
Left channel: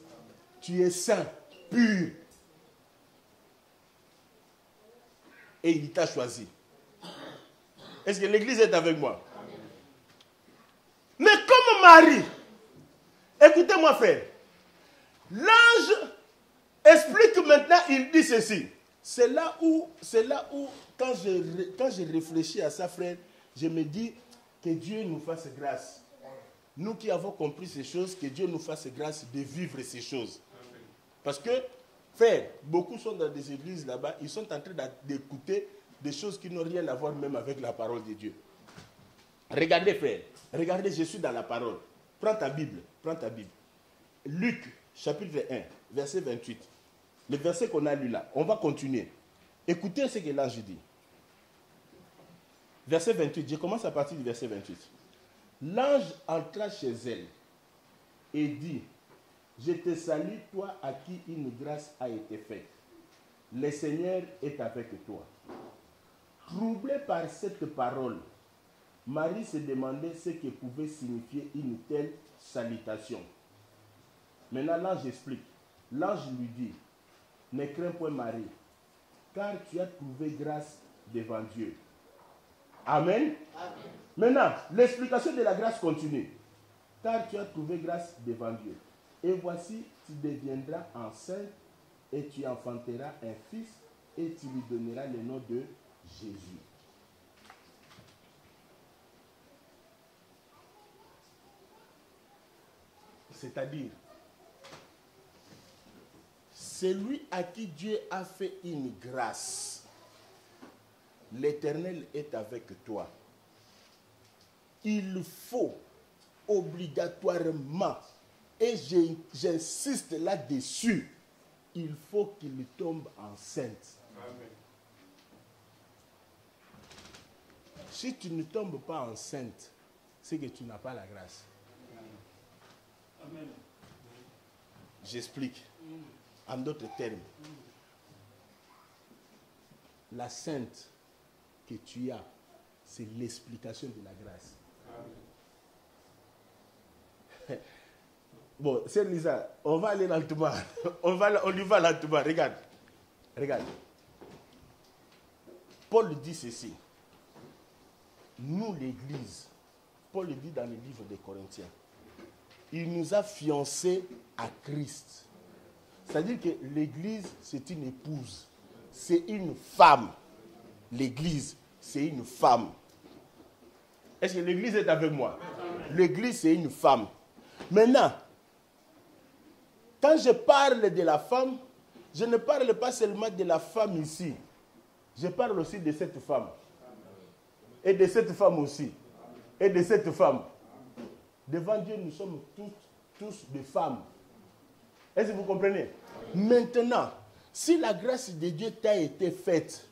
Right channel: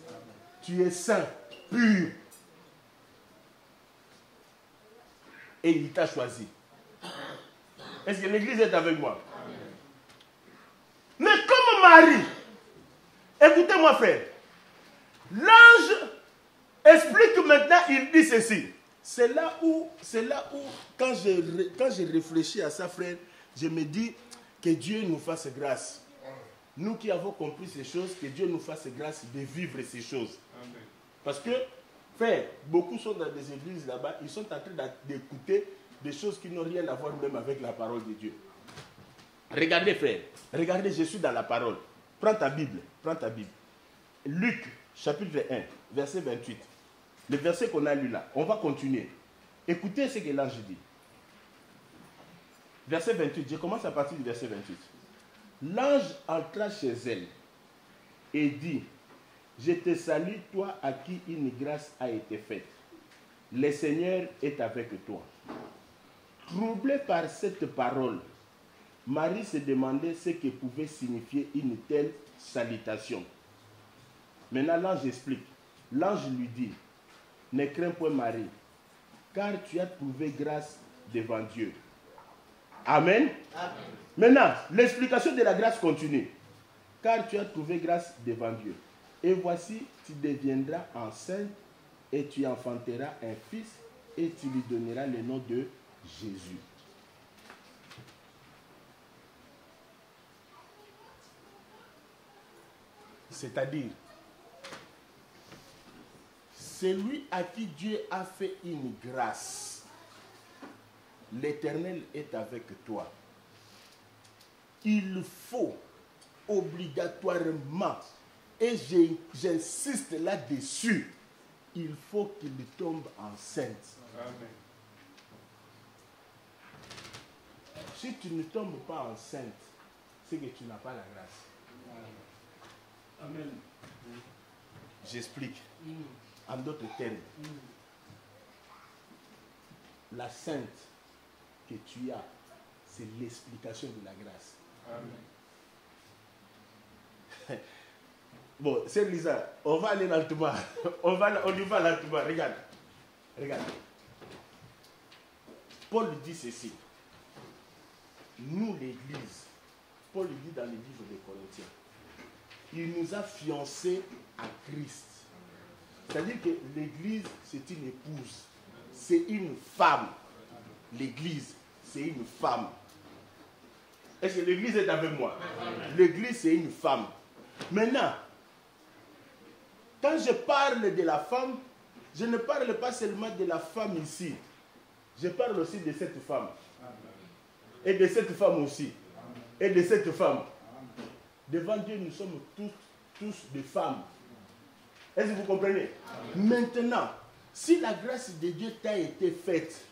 Tu es saint, pur. Et il t'a choisi. Est-ce que l'église est avec moi? Mais comme Marie, écoutez-moi frère, l'ange explique maintenant, il dit ceci. C'est là où quand je réfléchis à ça frère, je me dis que Dieu nous fasse grâce. Nous qui avons compris ces choses, que Dieu nous fasse grâce de vivre ces choses. Parce que, frère, beaucoup sont dans des églises là-bas, ils sont en train d'écouter des choses qui n'ont rien à voir même avec la parole de Dieu. Regardez frère, regardez, je suis dans la parole. Prends ta Bible, prends ta Bible. Luc, chapitre 1, verset 28. Le verset qu'on a lu là, on va continuer. Écoutez ce que l'ange dit. Verset 28, je commence à partir du verset 28. L'ange entra chez elle et dit, je te salue, toi à qui une grâce a été faite. Le Seigneur est avec toi. Troublée par cette parole, Marie se demandait ce que pouvait signifier une telle salutation. Maintenant, l'ange explique. L'ange lui dit, ne crains point Marie, car tu as trouvé grâce devant Dieu. Amen. Amen. Maintenant, l'explication de la grâce continue. Car tu as trouvé grâce devant Dieu. Et voici, tu deviendras enceinte et tu enfanteras un fils et tu lui donneras le nom de Jésus. C'est-à-dire, celui à qui Dieu a fait une grâce, l'Éternel est avec toi. Il faut obligatoirement, et j'insiste là-dessus, il faut qu'il tombe enceinte. Amen. Si tu ne tombes pas enceinte, c'est que tu n'as pas la grâce. Amen. J'explique. En d'autres termes, la sainte que tu as, c'est l'explication de la grâce. Amen. Bon, c'est Lisa, on va aller lentement. On y va lentement. Regarde. Regarde. Paul dit ceci. Nous, l'Église, Paul dit dans le livre des Corinthiens, il nous a fiancés à Christ. C'est-à-dire que l'Église, c'est une épouse. C'est une femme. L'Église, c'est une femme. Est-ce que l'Église est avec moi? L'Église, c'est une femme. Maintenant, quand je parle de la femme, je ne parle pas seulement de la femme ici. Je parle aussi de cette femme. Et de cette femme aussi. Et de cette femme. Devant Dieu, nous sommes tous des femmes. Est-ce que vous comprenez? Maintenant, si la grâce de Dieu t'a été faite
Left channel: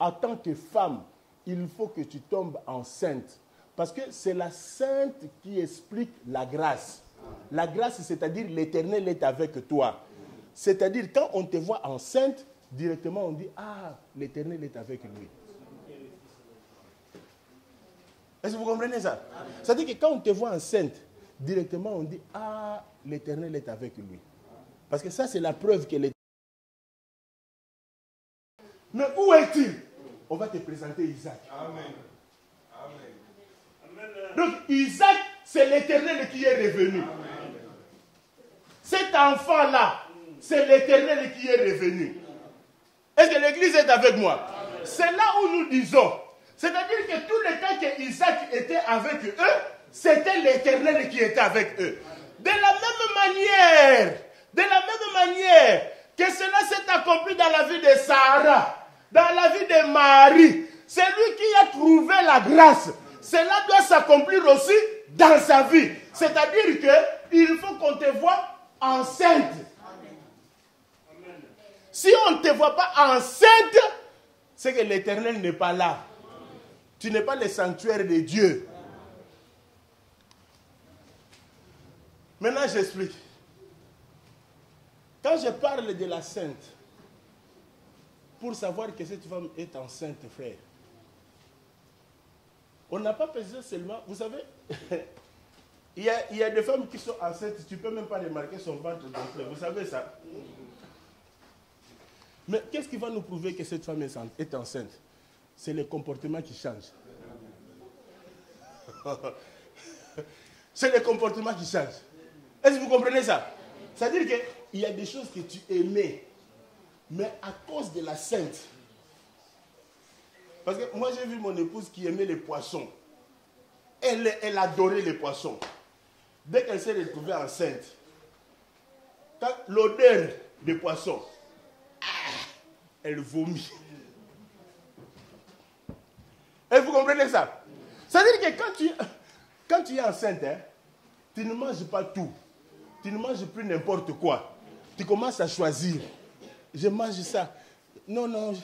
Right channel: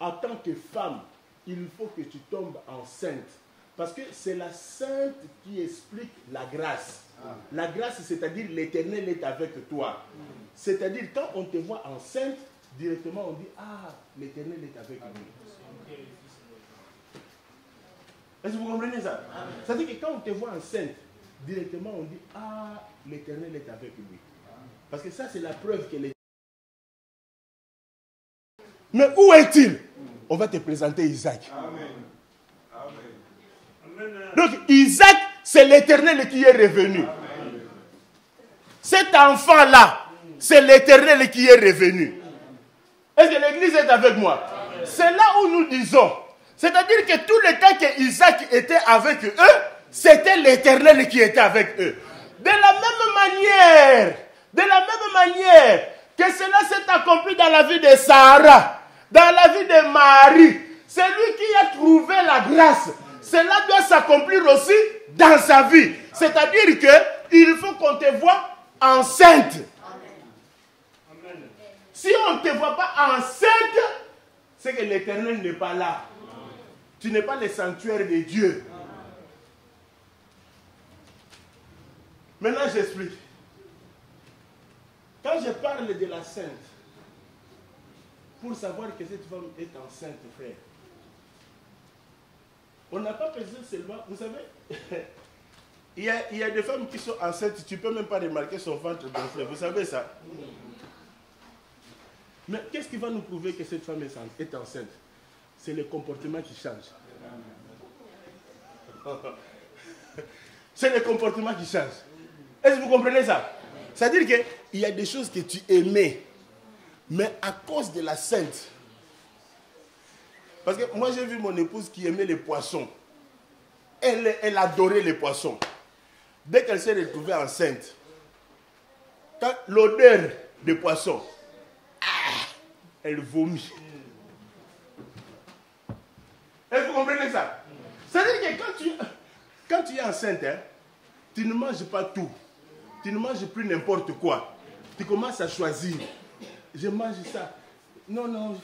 en tant que femme, il faut que tu tombes enceinte. Parce que c'est la sainte qui explique la grâce. La grâce, c'est-à-dire l'Éternel est avec toi. C'est-à-dire quand on te voit enceinte, directement on dit, ah, l'Éternel est avec lui. Est-ce que vous comprenez ça? C'est-à-dire que quand on te voit enceinte, directement on dit, ah, l'Éternel est avec lui. Parce que ça, c'est la preuve que l'Éternel... Mais où est-il? On va te présenter Isaac. Amen. Amen. Donc, Isaac, c'est l'Éternel qui est revenu. Amen. Cet enfant-là, c'est l'Éternel qui est revenu. Est-ce que l'Église est avec moi? Amen. C'est là où nous disons, c'est-à-dire que tout le temps que Isaac était avec eux, c'était l'Éternel qui était avec eux. De la même manière que cela s'est accompli dans la vie de Sarah, dans la vie de Marie, c'est lui qui a trouvé la grâce. Cela doit s'accomplir aussi dans sa vie. C'est-à-dire qu'il faut qu'on te voie enceinte. Amen. Si on ne te voit pas enceinte, c'est que l'Éternel n'est pas là. Tu n'es pas le sanctuaire de Dieu. Maintenant, j'explique. Quand je parle de la sainte, pour savoir que cette femme est enceinte, frère, on n'a pas besoin seulement, vous savez, Il y a des femmes qui sont enceintes, tu ne peux même pas remarquer son ventre gonflé. Vous savez ça? Mais qu'est-ce qui va nous prouver que cette femme est enceinte? C'est le comportement qui change. C'est le comportement qui change. Est-ce que vous comprenez ça? C'est-à-dire qu'il y a des choses que tu aimais, mais à cause de la sainte. Parce que moi j'ai vu mon épouse qui aimait les poissons. Elle adorait les poissons. Dès qu'elle s'est retrouvée enceinte, quand l'odeur des poissons, elle vomit. Et vous comprenez ça? C'est-à-dire que quand tu es enceinte, hein, tu ne manges pas tout. Tu ne manges plus n'importe quoi. Tu commences à choisir. Je mange ça. Non.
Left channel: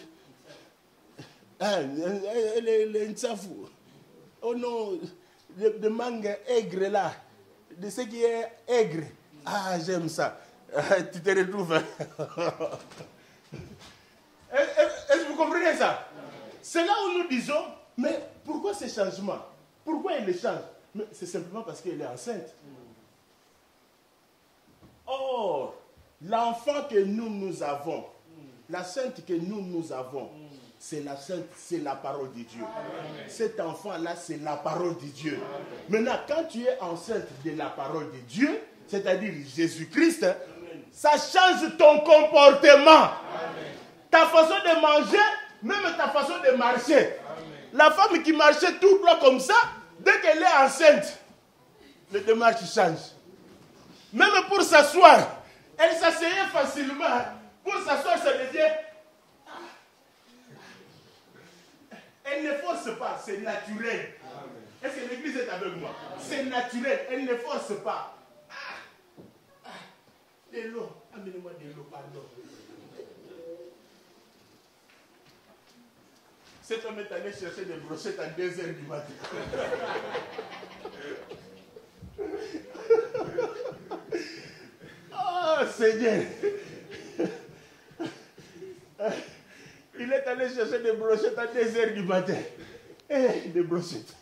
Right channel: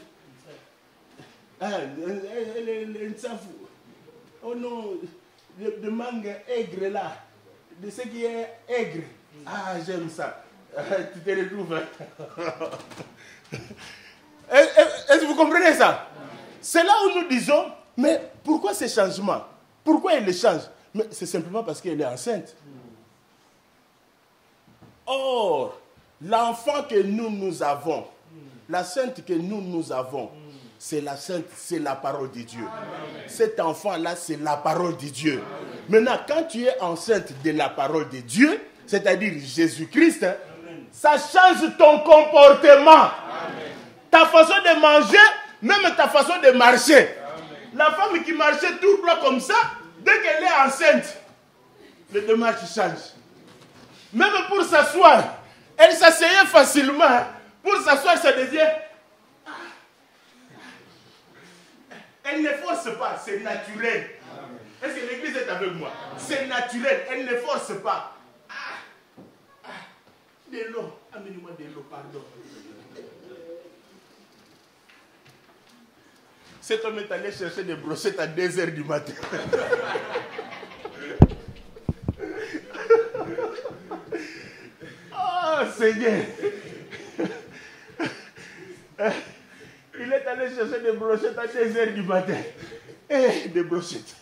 Les nsafou. Oh non, le mangue aigre là. De ce qui est aigre. Ah, j'aime ça. Tu te retrouves. Est-ce que vous comprenez ça? C'est là où nous disons, mais pourquoi ces changements? Pourquoi elle les change? Mais c'est simplement parce qu'elle est enceinte. Or, l'enfant que nous avons, la sainte que nous avons, c'est la sainte, c'est la parole de Dieu. Amen. Cet enfant-là, c'est la parole de Dieu. Amen. Maintenant, quand tu es enceinte de la parole de Dieu, c'est-à-dire Jésus-Christ, hein, ça change ton comportement. Amen. Ta façon de manger, même ta façon de marcher. Amen. La femme qui marchait tout droit comme ça, dès qu'elle est enceinte, le démarche change. Même pour s'asseoir, elle s'asseyait facilement. Hein. Pour s'asseoir, ça devient... Elle ne force pas, c'est naturel. Est-ce que l'église est avec moi? C'est naturel, elle ne force pas. De l'eau, amenez-moi de l'eau, pardon. Cet homme est allé chercher des brochettes à 2h du matin. Oh Seigneur! Il est allé chercher des brochettes à 2h du matin. Eh, des brochettes.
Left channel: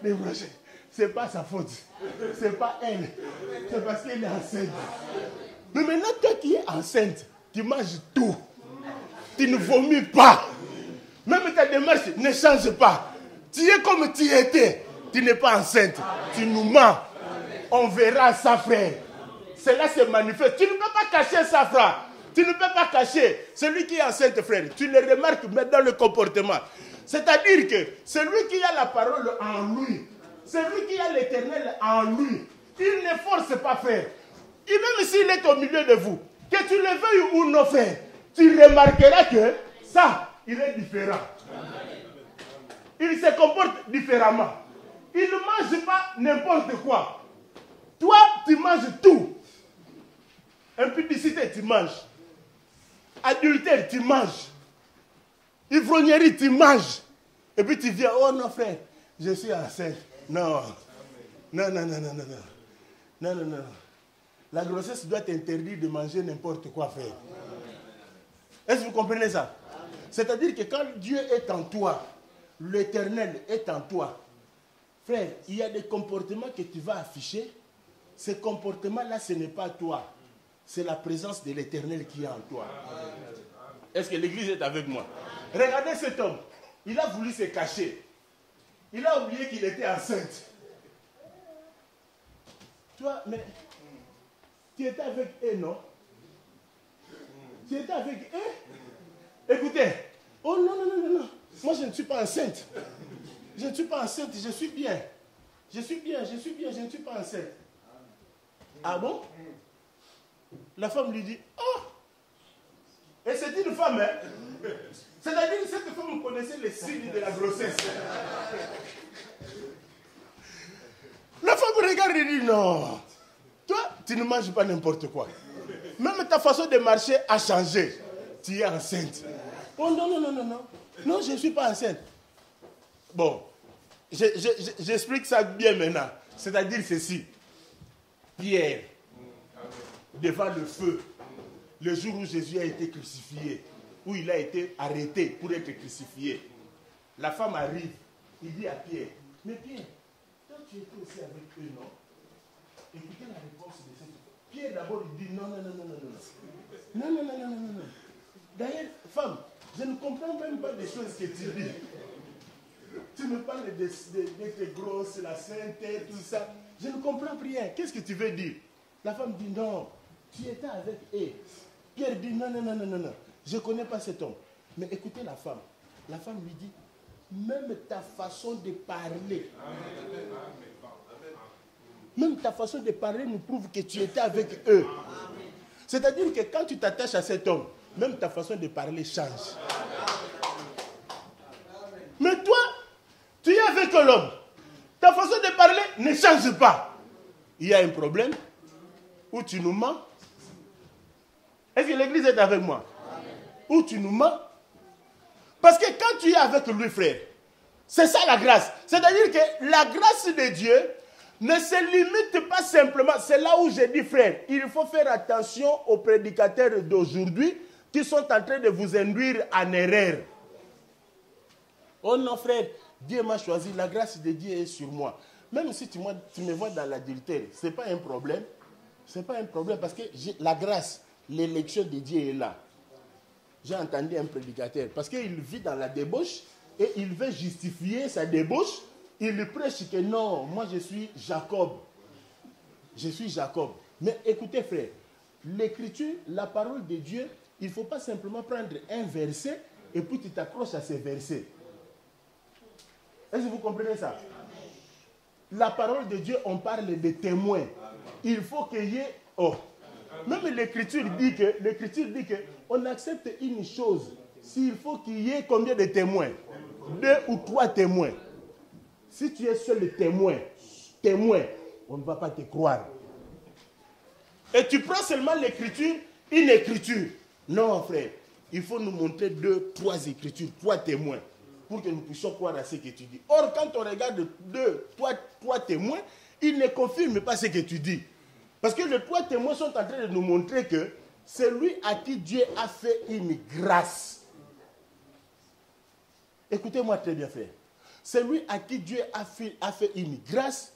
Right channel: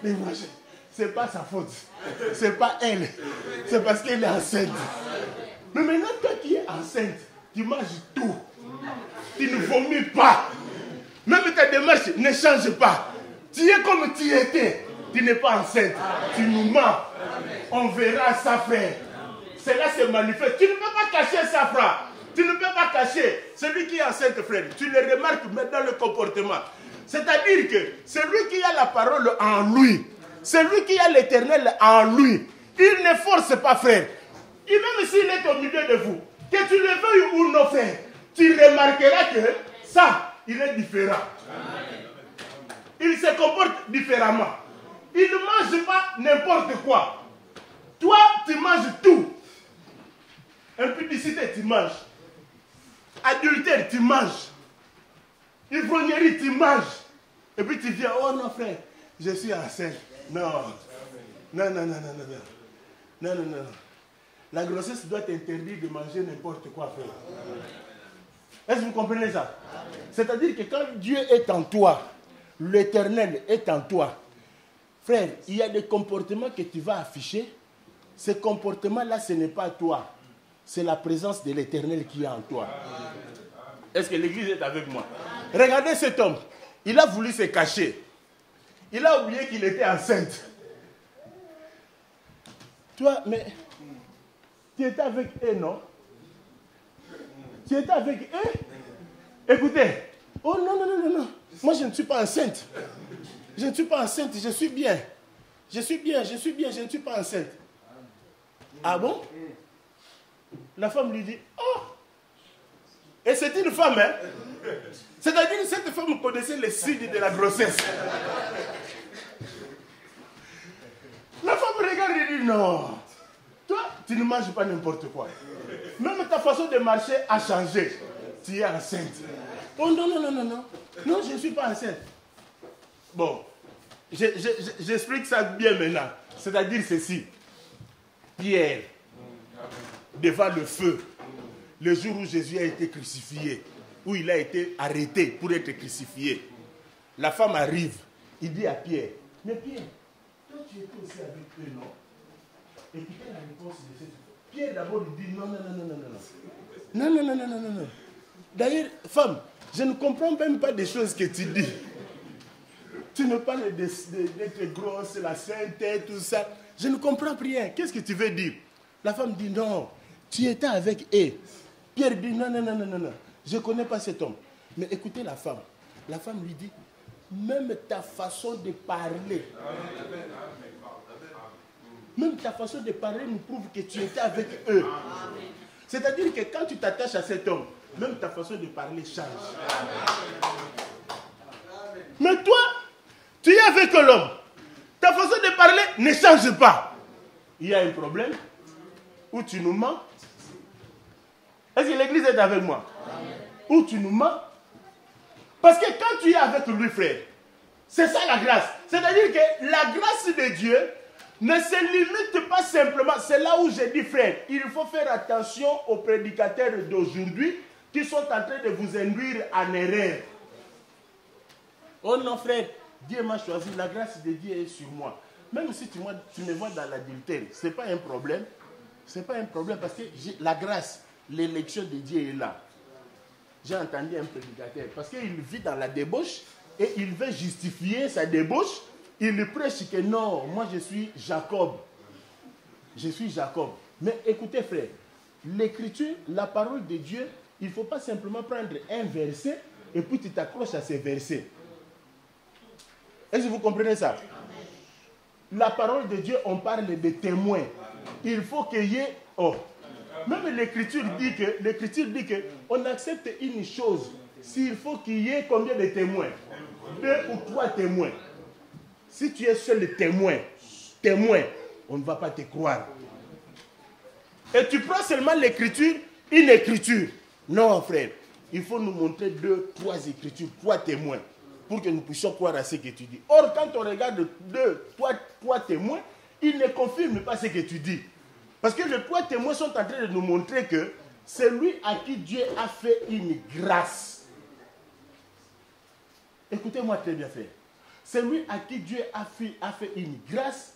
Des brochettes. C'est pas sa faute. C'est pas elle. C'est parce qu'elle est enceinte. Mais maintenant, toi qui es enceinte, tu manges tout. Tu ne vomis pas. Même ta démarche ne change pas. Tu es comme tu étais. Tu n'es pas enceinte. Tu nous mens. On verra ça faire. Cela se manifeste. Tu ne peux pas cacher ça, frère. Tu ne peux pas cacher. Celui qui est enceinte, frère, tu le remarques même dans le comportement. C'est-à-dire que celui qui a la parole en lui, celui qui a l'éternel en lui, il ne force pas, frère. Et même s'il est au milieu de vous, que tu le veuilles ou non, frère, tu remarqueras que ça, il est différent. Il se comporte différemment. Il ne mange pas n'importe quoi. Toi, tu manges tout. Impudicité, tu manges. Adultère, tu manges. Ivrognerie, tu manges. Et puis tu viens, oh non frère, je suis enceinte. Non. Non. La grossesse doit t'interdire de manger n'importe quoi, frère. Est-ce que vous comprenez ça? C'est-à-dire que quand Dieu est en toi, l'Éternel est en toi, frère, il y a des comportements que tu vas afficher. Ces comportements-là, ce n'est pas toi. C'est la présence de l'Éternel qui est en toi. Est-ce que l'Église est avec moi? Regardez cet homme. Il a voulu se cacher. Il a oublié qu'il était enceinte. Toi, mais tu étais avec eux, non? Tu étais avec eux? Écoutez. Oh non. Moi, je ne suis pas enceinte. Je ne suis pas enceinte, je suis bien. Je ne suis pas enceinte. Ah bon? La femme lui dit, oh! Et c'est une femme, hein? C'est-à-dire que cette femme connaissait les signes de la grossesse. La femme regarde et dit, non. Toi, tu ne manges pas n'importe quoi. Même ta façon de marcher a changé. Tu es enceinte. Oh non. Non, je ne suis pas enceinte. Bon, j'explique ça bien maintenant. C'est-à-dire ceci. Pierre, devant le feu, le jour où Jésus a été crucifié, où il a été arrêté pour être crucifié, la femme arrive, il dit à Pierre, mais Pierre, toi tu étais aussi avec eux, non? Écoutez la réponse de cette femme. Pierre d'abord lui dit non, non, non, non, non, non. Non, non, non, non, non, non, non. D'ailleurs, femme, je ne comprends même pas des choses que tu dis. Tu me parles d'être grosse, la sainteté, tout ça. Je ne comprends rien. Qu'est-ce que tu veux dire? La femme dit non, tu étais avec eux. Pierre dit non, non, non, non, non, non. Je ne connais pas cet homme. Mais écoutez la femme. La femme lui dit, même ta façon de parler, même ta façon de parler nous prouve que tu étais avec eux. C'est-à-dire que quand tu t'attaches à cet homme, même ta façon de parler change. Mais toi, tu es avec l'homme. Ta façon de parler ne change pas. Il y a un problème où tu nous mens. Est-ce que l'église est avec moi? Où tu nous mens. Parce que quand tu es avec lui, frère, c'est ça la grâce. C'est-à-dire que la grâce de Dieu ne se limite pas simplement. C'est là où j'ai dit, frère, il faut faire attention aux prédicateurs d'aujourd'hui qui sont en train de vous induire en erreur. Oh non, frère, Dieu m'a choisi, la grâce de Dieu est sur moi. Même si tu me vois dans l'adultère, ce n'est pas un problème. Ce n'est pas un problème parce que la grâce, l'élection de Dieu est là. J'ai entendu un prédicateur, parce qu'il vit dans la débauche et il veut justifier sa débauche. Il prêche que non, moi je suis Jacob. Je suis Jacob. Mais écoutez frère, l'écriture, la parole de Dieu, il ne faut pas simplement prendre un verset et puis tu t'accroches à ces versets. Est-ce que vous comprenez ça? La parole de Dieu, on parle de témoins. Il faut qu'il y ait... Oh. Même l'écriture dit que on accepte une chose s'il faut qu'il y ait combien de témoins? 2 ou 3 témoins. Si tu es seul témoin, on ne va pas te croire. Et tu prends seulement l'écriture, une écriture. Non, frère, il faut nous montrer 2, 3 écritures, 3 témoins, pour que nous puissions croire à ce que tu dis. Or, quand on regarde 2, 3 témoins, ils ne confirment pas ce que tu dis. Parce que les 3 témoins sont en train de nous montrer que c'est lui à qui Dieu a fait une grâce. Écoutez-moi très bien, frère. C'est lui à qui Dieu a fait une grâce.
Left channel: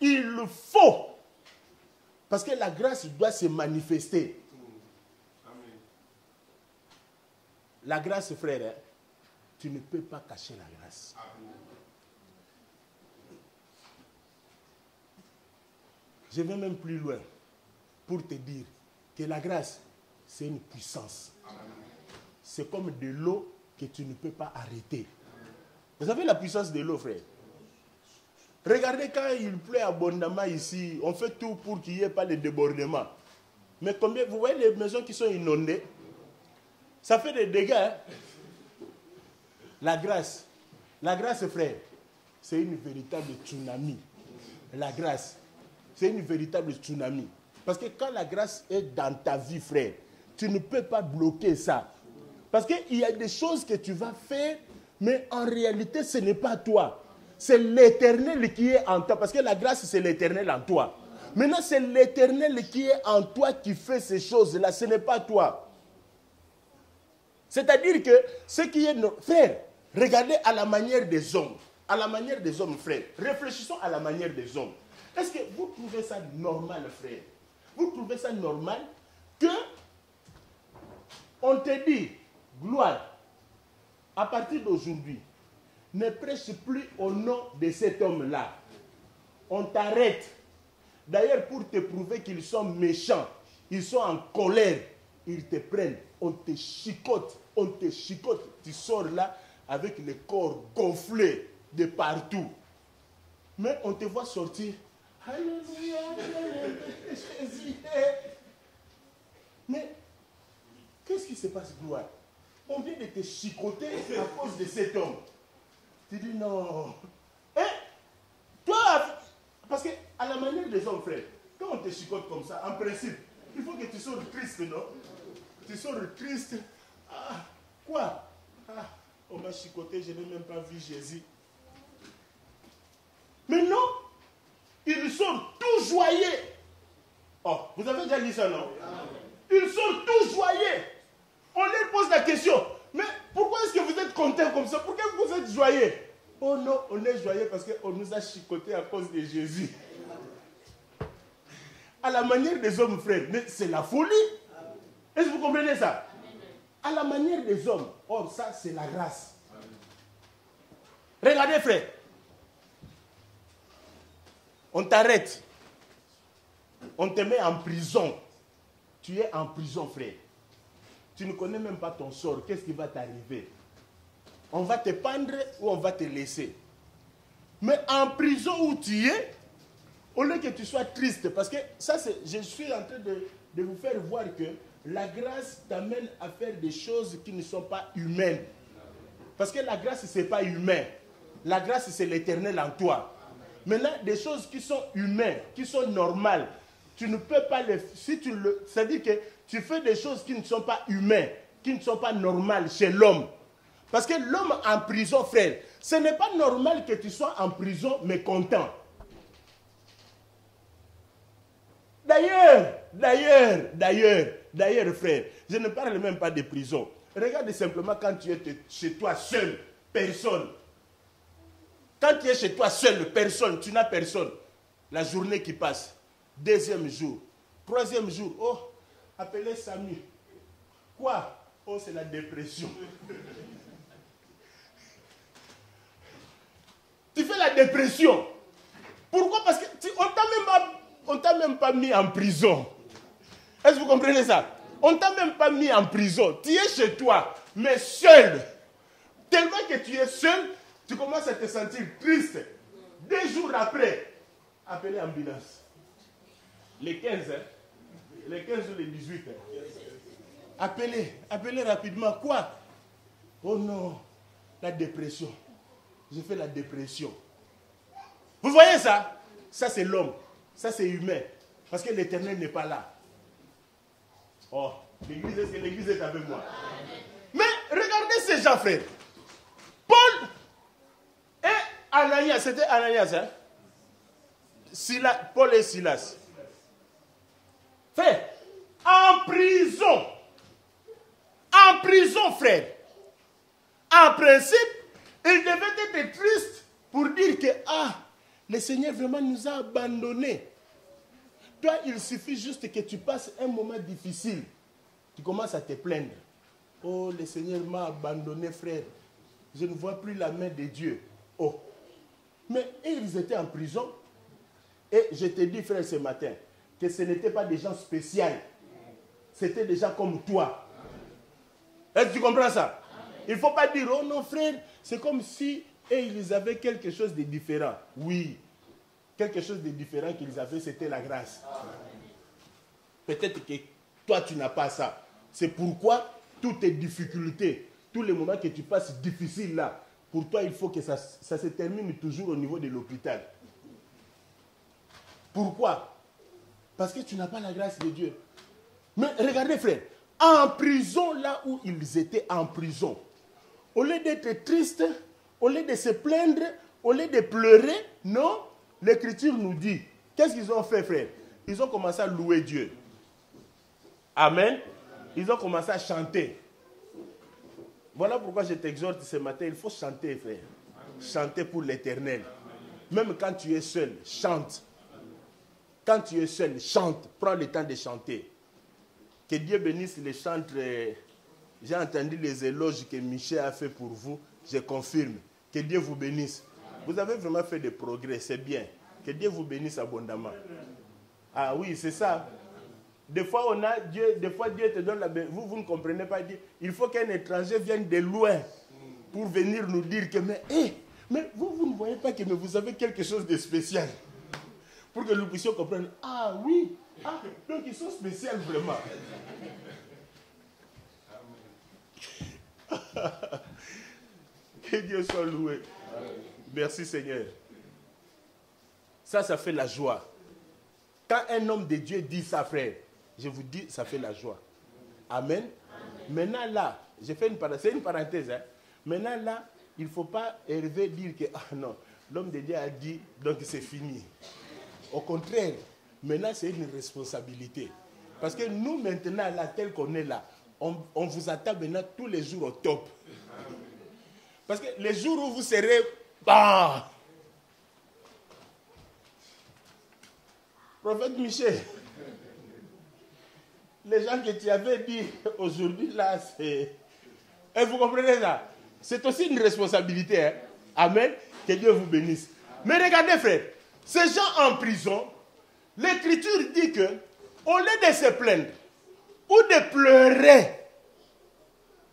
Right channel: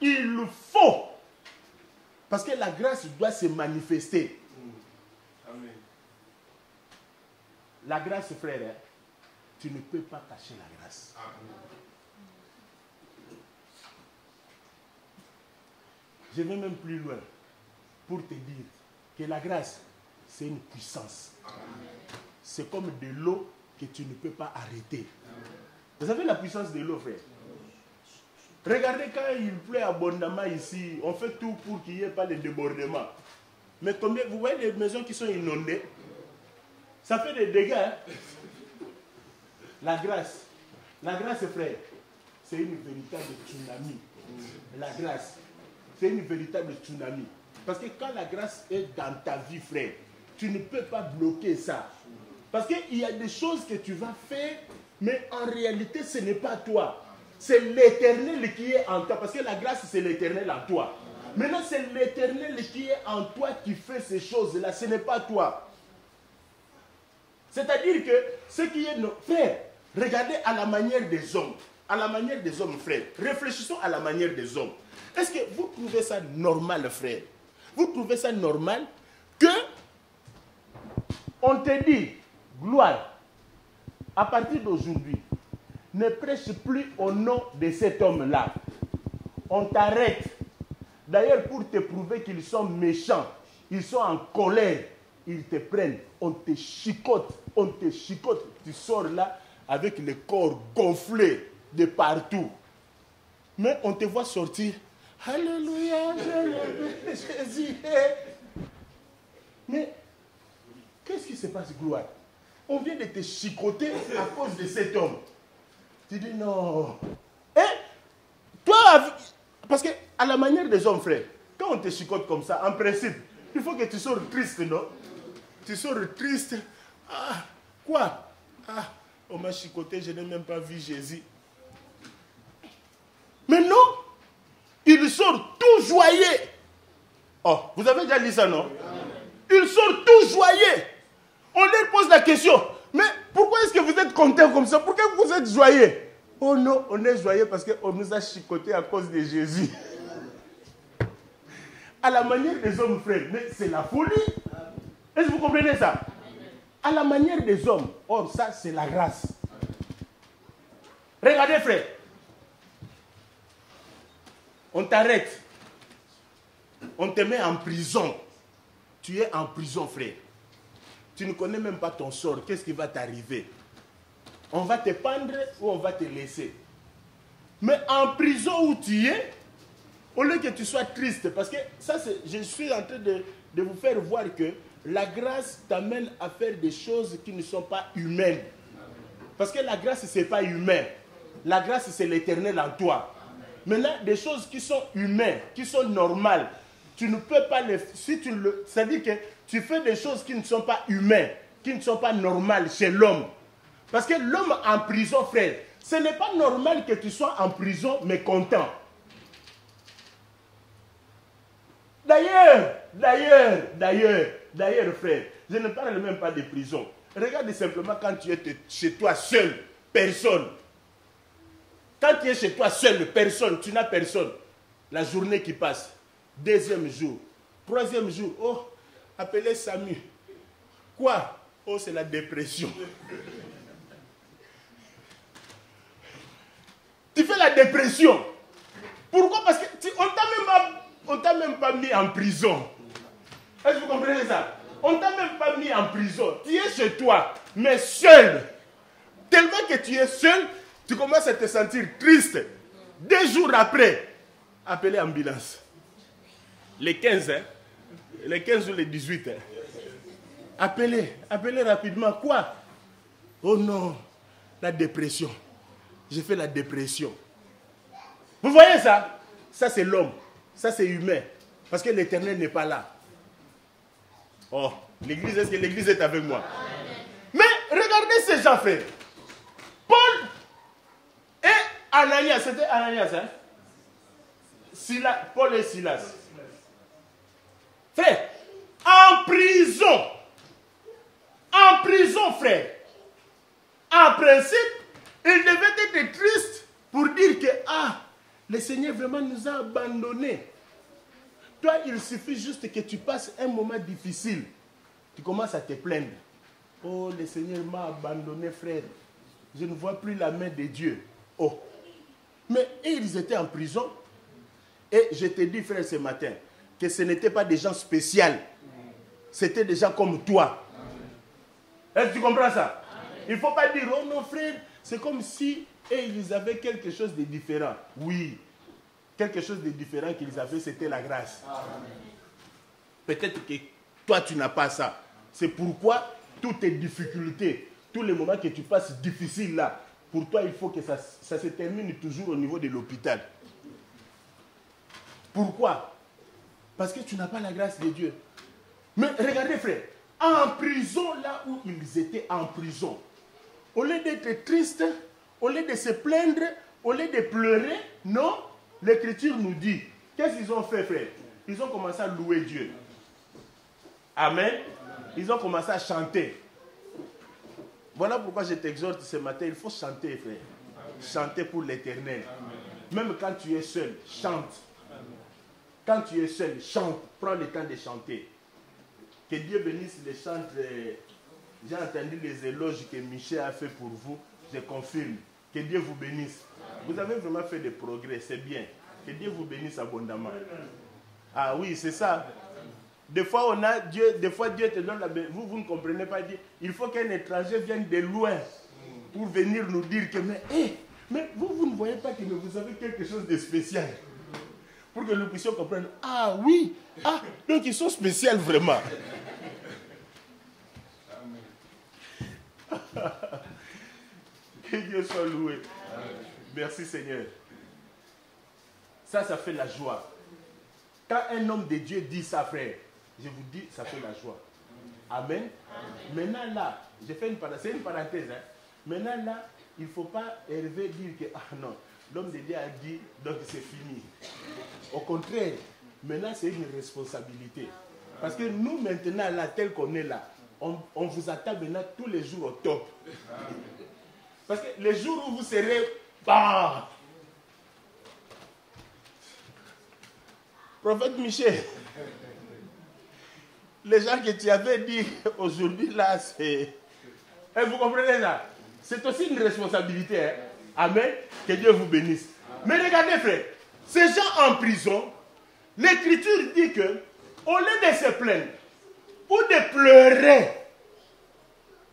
Il le faut. Parce que la grâce doit se manifester. Amen. La grâce, frère, hein, tu ne peux pas cacher la grâce. Amen. Je vais même plus loin pour te dire que la grâce, c'est une puissance. C'est comme de l'eau que tu ne peux pas arrêter. Vous savez la puissance de l'eau, frère? Regardez quand il pleut abondamment ici, on fait tout pour qu'il n'y ait pas de débordement. Mais combien, vous voyez les maisons qui sont inondées? Ça fait des dégâts. Hein? La grâce, frère, c'est une véritable tsunami. La grâce. C'est une véritable tsunami. Parce que quand la grâce est dans ta vie, frère, tu ne peux pas bloquer ça. Parce qu'il y a des choses que tu vas faire, mais en réalité, ce n'est pas toi. C'est l'Éternel qui est en toi. Parce que la grâce, c'est l'Éternel en toi. Maintenant, c'est l'Éternel qui est en toi qui fait ces choses-là. Ce n'est pas toi. C'est-à-dire que ce qui est... Frère, regardez à la manière des hommes. À la manière des hommes, frère. Réfléchissons à la manière des hommes. Est-ce que vous trouvez ça normal, frère? Vous trouvez ça normal que on te dit, gloire, à partir d'aujourd'hui, ne prêche plus au nom de cet homme-là. On t'arrête. D'ailleurs, pour te prouver qu'ils sont méchants, ils sont en colère, ils te prennent, on te chicote, tu sors là avec le corps gonflé de partout. Mais on te voit sortir. Alléluia, Jésus. Mais qu'est-ce qui se passe, gloire? On vient de te chicoter à cause de cet homme. Tu dis non. Et toi, parce que à la manière des hommes, frère, quand on te chicote comme ça, en principe, il faut que tu sors triste, non? Tu sors triste. Ah, quoi? Ah, on m'a chicoté, je n'ai même pas vu Jésus. Mais non, il sort tout joyeux. Oh, vous avez déjà dit ça, non? Il sort tout joyeux. On lui pose la question, mais pourquoi est-ce que vous êtes content comme ça? Pourquoi vous êtes joyeux? Oh non, on est joyeux parce qu'on nous a chicoté à cause de Jésus. à la manière des hommes, frère. Mais c'est la folie. Est-ce que vous comprenez ça? À la manière des hommes. Or, ça, c'est la grâce. Regardez, frère. On t'arrête. On te met en prison. Tu es en prison, frère. Tu ne connais même pas ton sort. Qu'est-ce qui va t'arriver? On va te pendre ou on va te laisser. Mais en prison où tu es, au lieu que tu sois triste, parce que ça, je suis en train de vous faire voir que la grâce t'amène à faire des choses qui ne sont pas humaines. Parce que la grâce, ce n'est pas humain. La grâce, c'est l'éternel en toi. Maintenant, des choses qui sont humaines, qui sont normales, tu ne peux pas les... C'est-à-dire que tu fais des choses qui ne sont pas humaines, qui ne sont pas normales chez l'homme. Parce que l'homme en prison, frère, ce n'est pas normal que tu sois en prison, mais content. D'ailleurs, frère, je ne parle même pas de prison. Regarde simplement quand tu es chez toi seul, personne. Quand tu es chez toi seul, personne, tu n'as personne. La journée qui passe, deuxième jour, troisième jour, oh, appelez Samu. Quoi? Oh, c'est la dépression. Tu fais la dépression. Pourquoi? Parce qu'on t'a même pas mis en prison. Est-ce que vous comprenez ça? On t'a même pas mis en prison. Tu es chez toi, mais seul. Tellement que tu es seul, tu commences à te sentir triste. 2 jours après, appelez ambulance. Les 15, hein? Les 15 ou les 18. Hein? Appelez rapidement. Quoi? Oh non, la dépression. J'ai fait la dépression. Vous voyez ça? Ça, c'est l'homme. Ça, c'est humain. Parce que l'Éternel n'est pas là. Oh, l'église, est-ce que l'église est avec moi? Mais regardez ces gens, frère. Paul et Ananias, c'était Ananias, hein? Paul et Silas. Frère, en prison. En prison, frère. En principe, ils devaient être tristes pour dire que, le Seigneur vraiment nous a abandonnés. Toi, il suffit juste que tu passes un moment difficile. Tu commences à te plaindre. Oh, le Seigneur m'a abandonné, frère. Je ne vois plus la main de Dieu. Oh. Mais ils étaient en prison. Et je te dis, frère, ce matin, que ce n'étaient pas des gens spéciaux. C'était des gens comme toi. Est-ce que tu comprends ça? Il ne faut pas dire, oh non, frère, c'est comme si ils avaient quelque chose de différent. Oui. Quelque chose de différent qu'ils avaient, c'était la grâce. Peut-être que toi, tu n'as pas ça. C'est pourquoi toutes tes difficultés, tous les moments que tu passes difficiles là, pour toi, il faut que ça se termine toujours au niveau de l'hôpital. Pourquoi? Parce que tu n'as pas la grâce de Dieu. Mais regardez, frère, en prison, là où ils étaient en prison, au lieu d'être tristes, au lieu de se plaindre, au lieu de pleurer, non, l'Écriture nous dit, qu'est-ce qu'ils ont fait, frère? Ils ont commencé à louer Dieu. Amen. Ils ont commencé à chanter. Voilà pourquoi je t'exhorte ce matin, il faut chanter, frère. Chanter pour l'Éternel. Même quand tu es seul, chante. Quand tu es seul, chante. Prends le temps de chanter. Que Dieu bénisse les chantres. J'ai entendu les éloges que Michel a fait pour vous. Je confirme. Que Dieu vous bénisse. Vous avez vraiment fait des progrès, c'est bien. Que Dieu vous bénisse abondamment. Ah oui, c'est ça. Des fois, Dieu te donne la bénédiction. Vous ne comprenez pas. Il faut qu'un étranger vienne de loin pour venir nous dire que, mais vous ne voyez pas que vous avez quelque chose de spécial. Pour que nous puissions comprendre. Ah oui, donc ils sont spéciaux vraiment. Que Dieu soit loué. Merci Seigneur. Ça fait la joie. Quand un homme de Dieu dit ça, frère, je vous dis, ça fait la joie. Amen. Maintenant là, j'ai fait c'est une parenthèse. Hein. Maintenant là, il ne faut pas élever dire que, non, l'homme de Dieu a dit, donc c'est fini. Au contraire, maintenant c'est une responsabilité. Parce que nous maintenant là, tel qu'on est là, on vous attend maintenant tous les jours au top. Parce que les jours où vous serez, Prophète Michel, les gens que tu avais dit aujourd'hui là, c'est... Et vous comprenez ça? C'est aussi une responsabilité. Hein? Amen. Que Dieu vous bénisse. Mais regardez frère, ces gens en prison, l'Écriture dit que au lieu de se plaindre ou de pleurer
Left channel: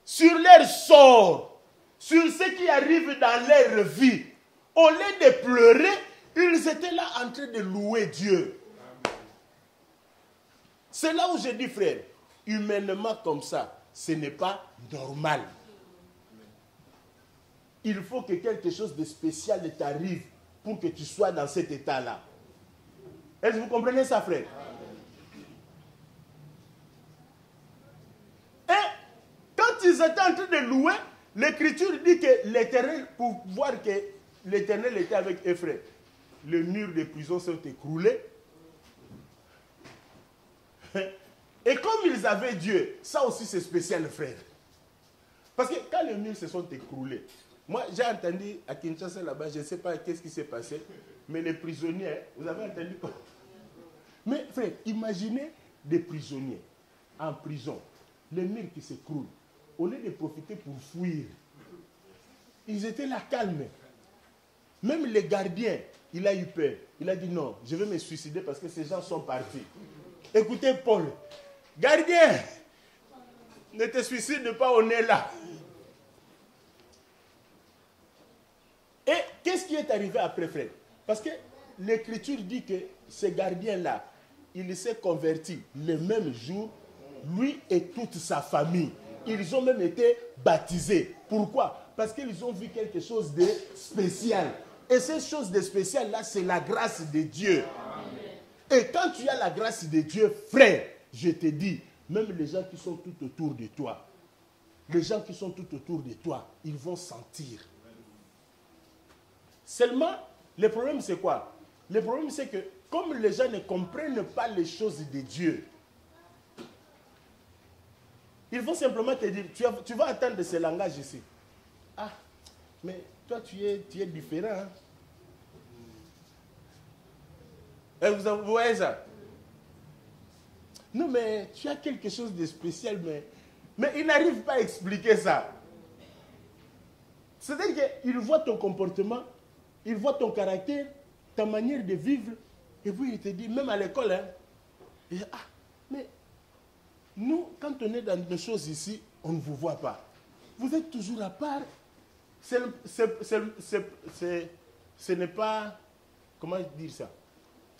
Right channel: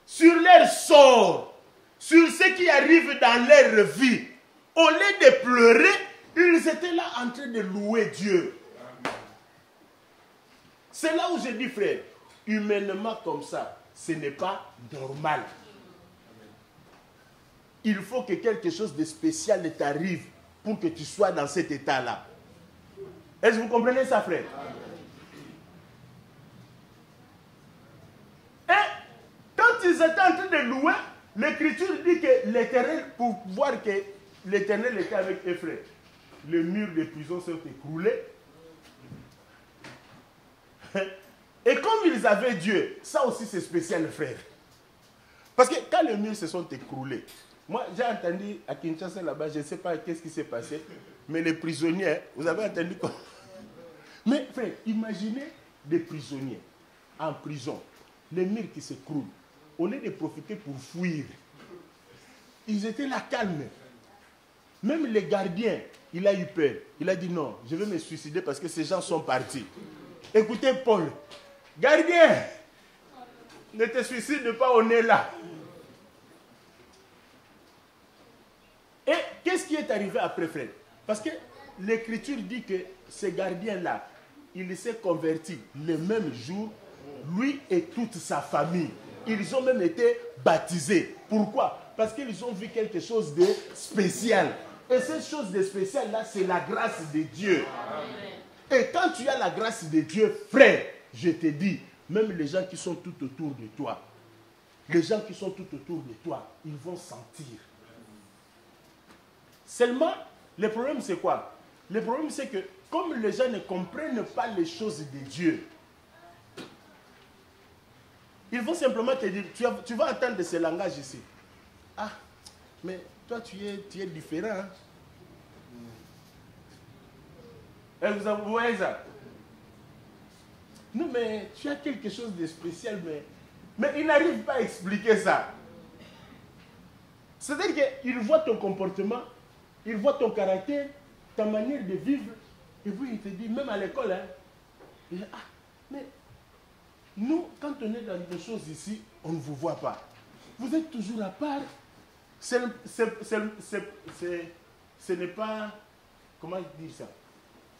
sur leur sort, sur ce qui arrive dans leur vie, au lieu de pleurer, ils étaient là en train de louer Dieu. C'est là où je dis, frère, humainement comme ça, ce n'est pas normal. Il faut que quelque chose de spécial t'arrive pour que tu sois dans cet état-là. Est-ce que vous comprenez ça, frère? Et quand ils étaient en train de louer, l'Écriture dit que l'Éternel, pour voir que l'Éternel était avec Ephraim, les murs de prison sont écroulés. Et comme ils avaient Dieu, ça aussi c'est spécial, frère. Parce que quand les murs se sont écroulés, moi j'ai entendu à Kinshasa là-bas, je ne sais pas qu'est-ce qui s'est passé, mais les prisonniers, vous avez entendu quoi? Mais frère, imaginez des prisonniers en prison, les murs qui s'écroulent, au lieu de profiter pour fuir, ils étaient là calmes. Même les gardiens, il a eu peur. Il a dit non, je vais me suicider parce que ces gens sont partis. Écoutez Paul, gardien, ne te suicide pas, on est là. Et qu'est-ce qui est arrivé après, frère? Parce que l'Écriture dit que ce gardien-là, il s'est converti le même jour, lui et toute sa famille. Ils ont même été baptisés. Pourquoi? Parce qu'ils ont vu quelque chose de spécial. Et cette chose de spécial là, c'est la grâce de Dieu. Amen. Et quand tu as la grâce de Dieu, frère, je te dis, même les gens qui sont tout autour de toi, les gens qui sont tout autour de toi, ils vont sentir. Seulement, le problème c'est quoi? Le problème c'est que, comme les gens ne comprennent pas les choses de Dieu, ils vont simplement te dire, tu vas entendre ce langage ici. Ah, mais toi tu es différent. Hein? Et vous voyez ça? Non, mais tu as quelque chose de spécial, mais ils n'arrivent pas à expliquer ça. C'est-à-dire qu'ils voient ton comportement, ils voient ton caractère, ta manière de vivre, et puis ils te disent, même à l'école, hein, ah, mais nous, quand on est dans des choses ici, on ne vous voit pas. Vous êtes toujours à part. Ce n'est pas, comment dire ça?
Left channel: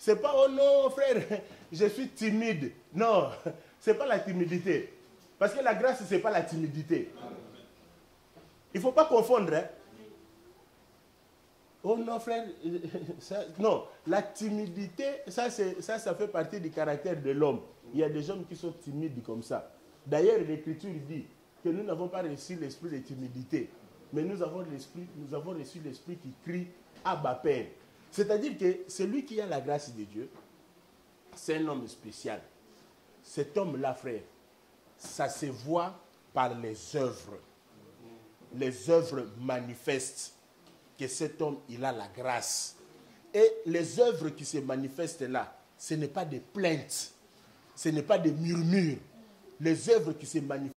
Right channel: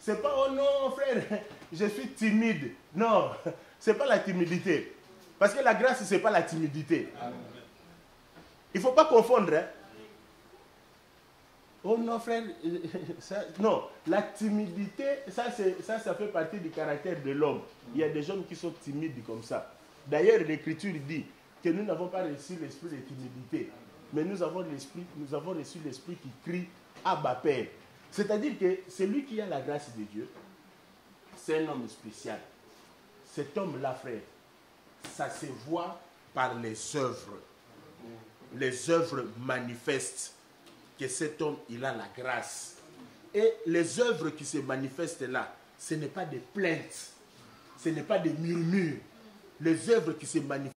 C'est pas, oh non, frère, je suis timide. Non, c'est pas la timidité. Parce que la grâce, c'est pas la timidité. Il ne faut pas confondre. Hein. Oh non, frère, ça, non, la timidité, ça fait partie du caractère de l'homme. Il y a des hommes qui sont timides comme ça. D'ailleurs, l'Écriture dit que nous n'avons pas reçu l'esprit de timidité, mais nous avons reçu l'esprit qui crie Abba Père. C'est-à-dire que celui qui a la grâce de Dieu, c'est un homme spécial. Cet homme-là, frère, ça se voit par les œuvres. Les œuvres manifestent que cet homme, il a la grâce. Et les œuvres qui se manifestent là, ce n'est pas des plaintes, ce n'est pas des murmures. Les œuvres qui se manifestent,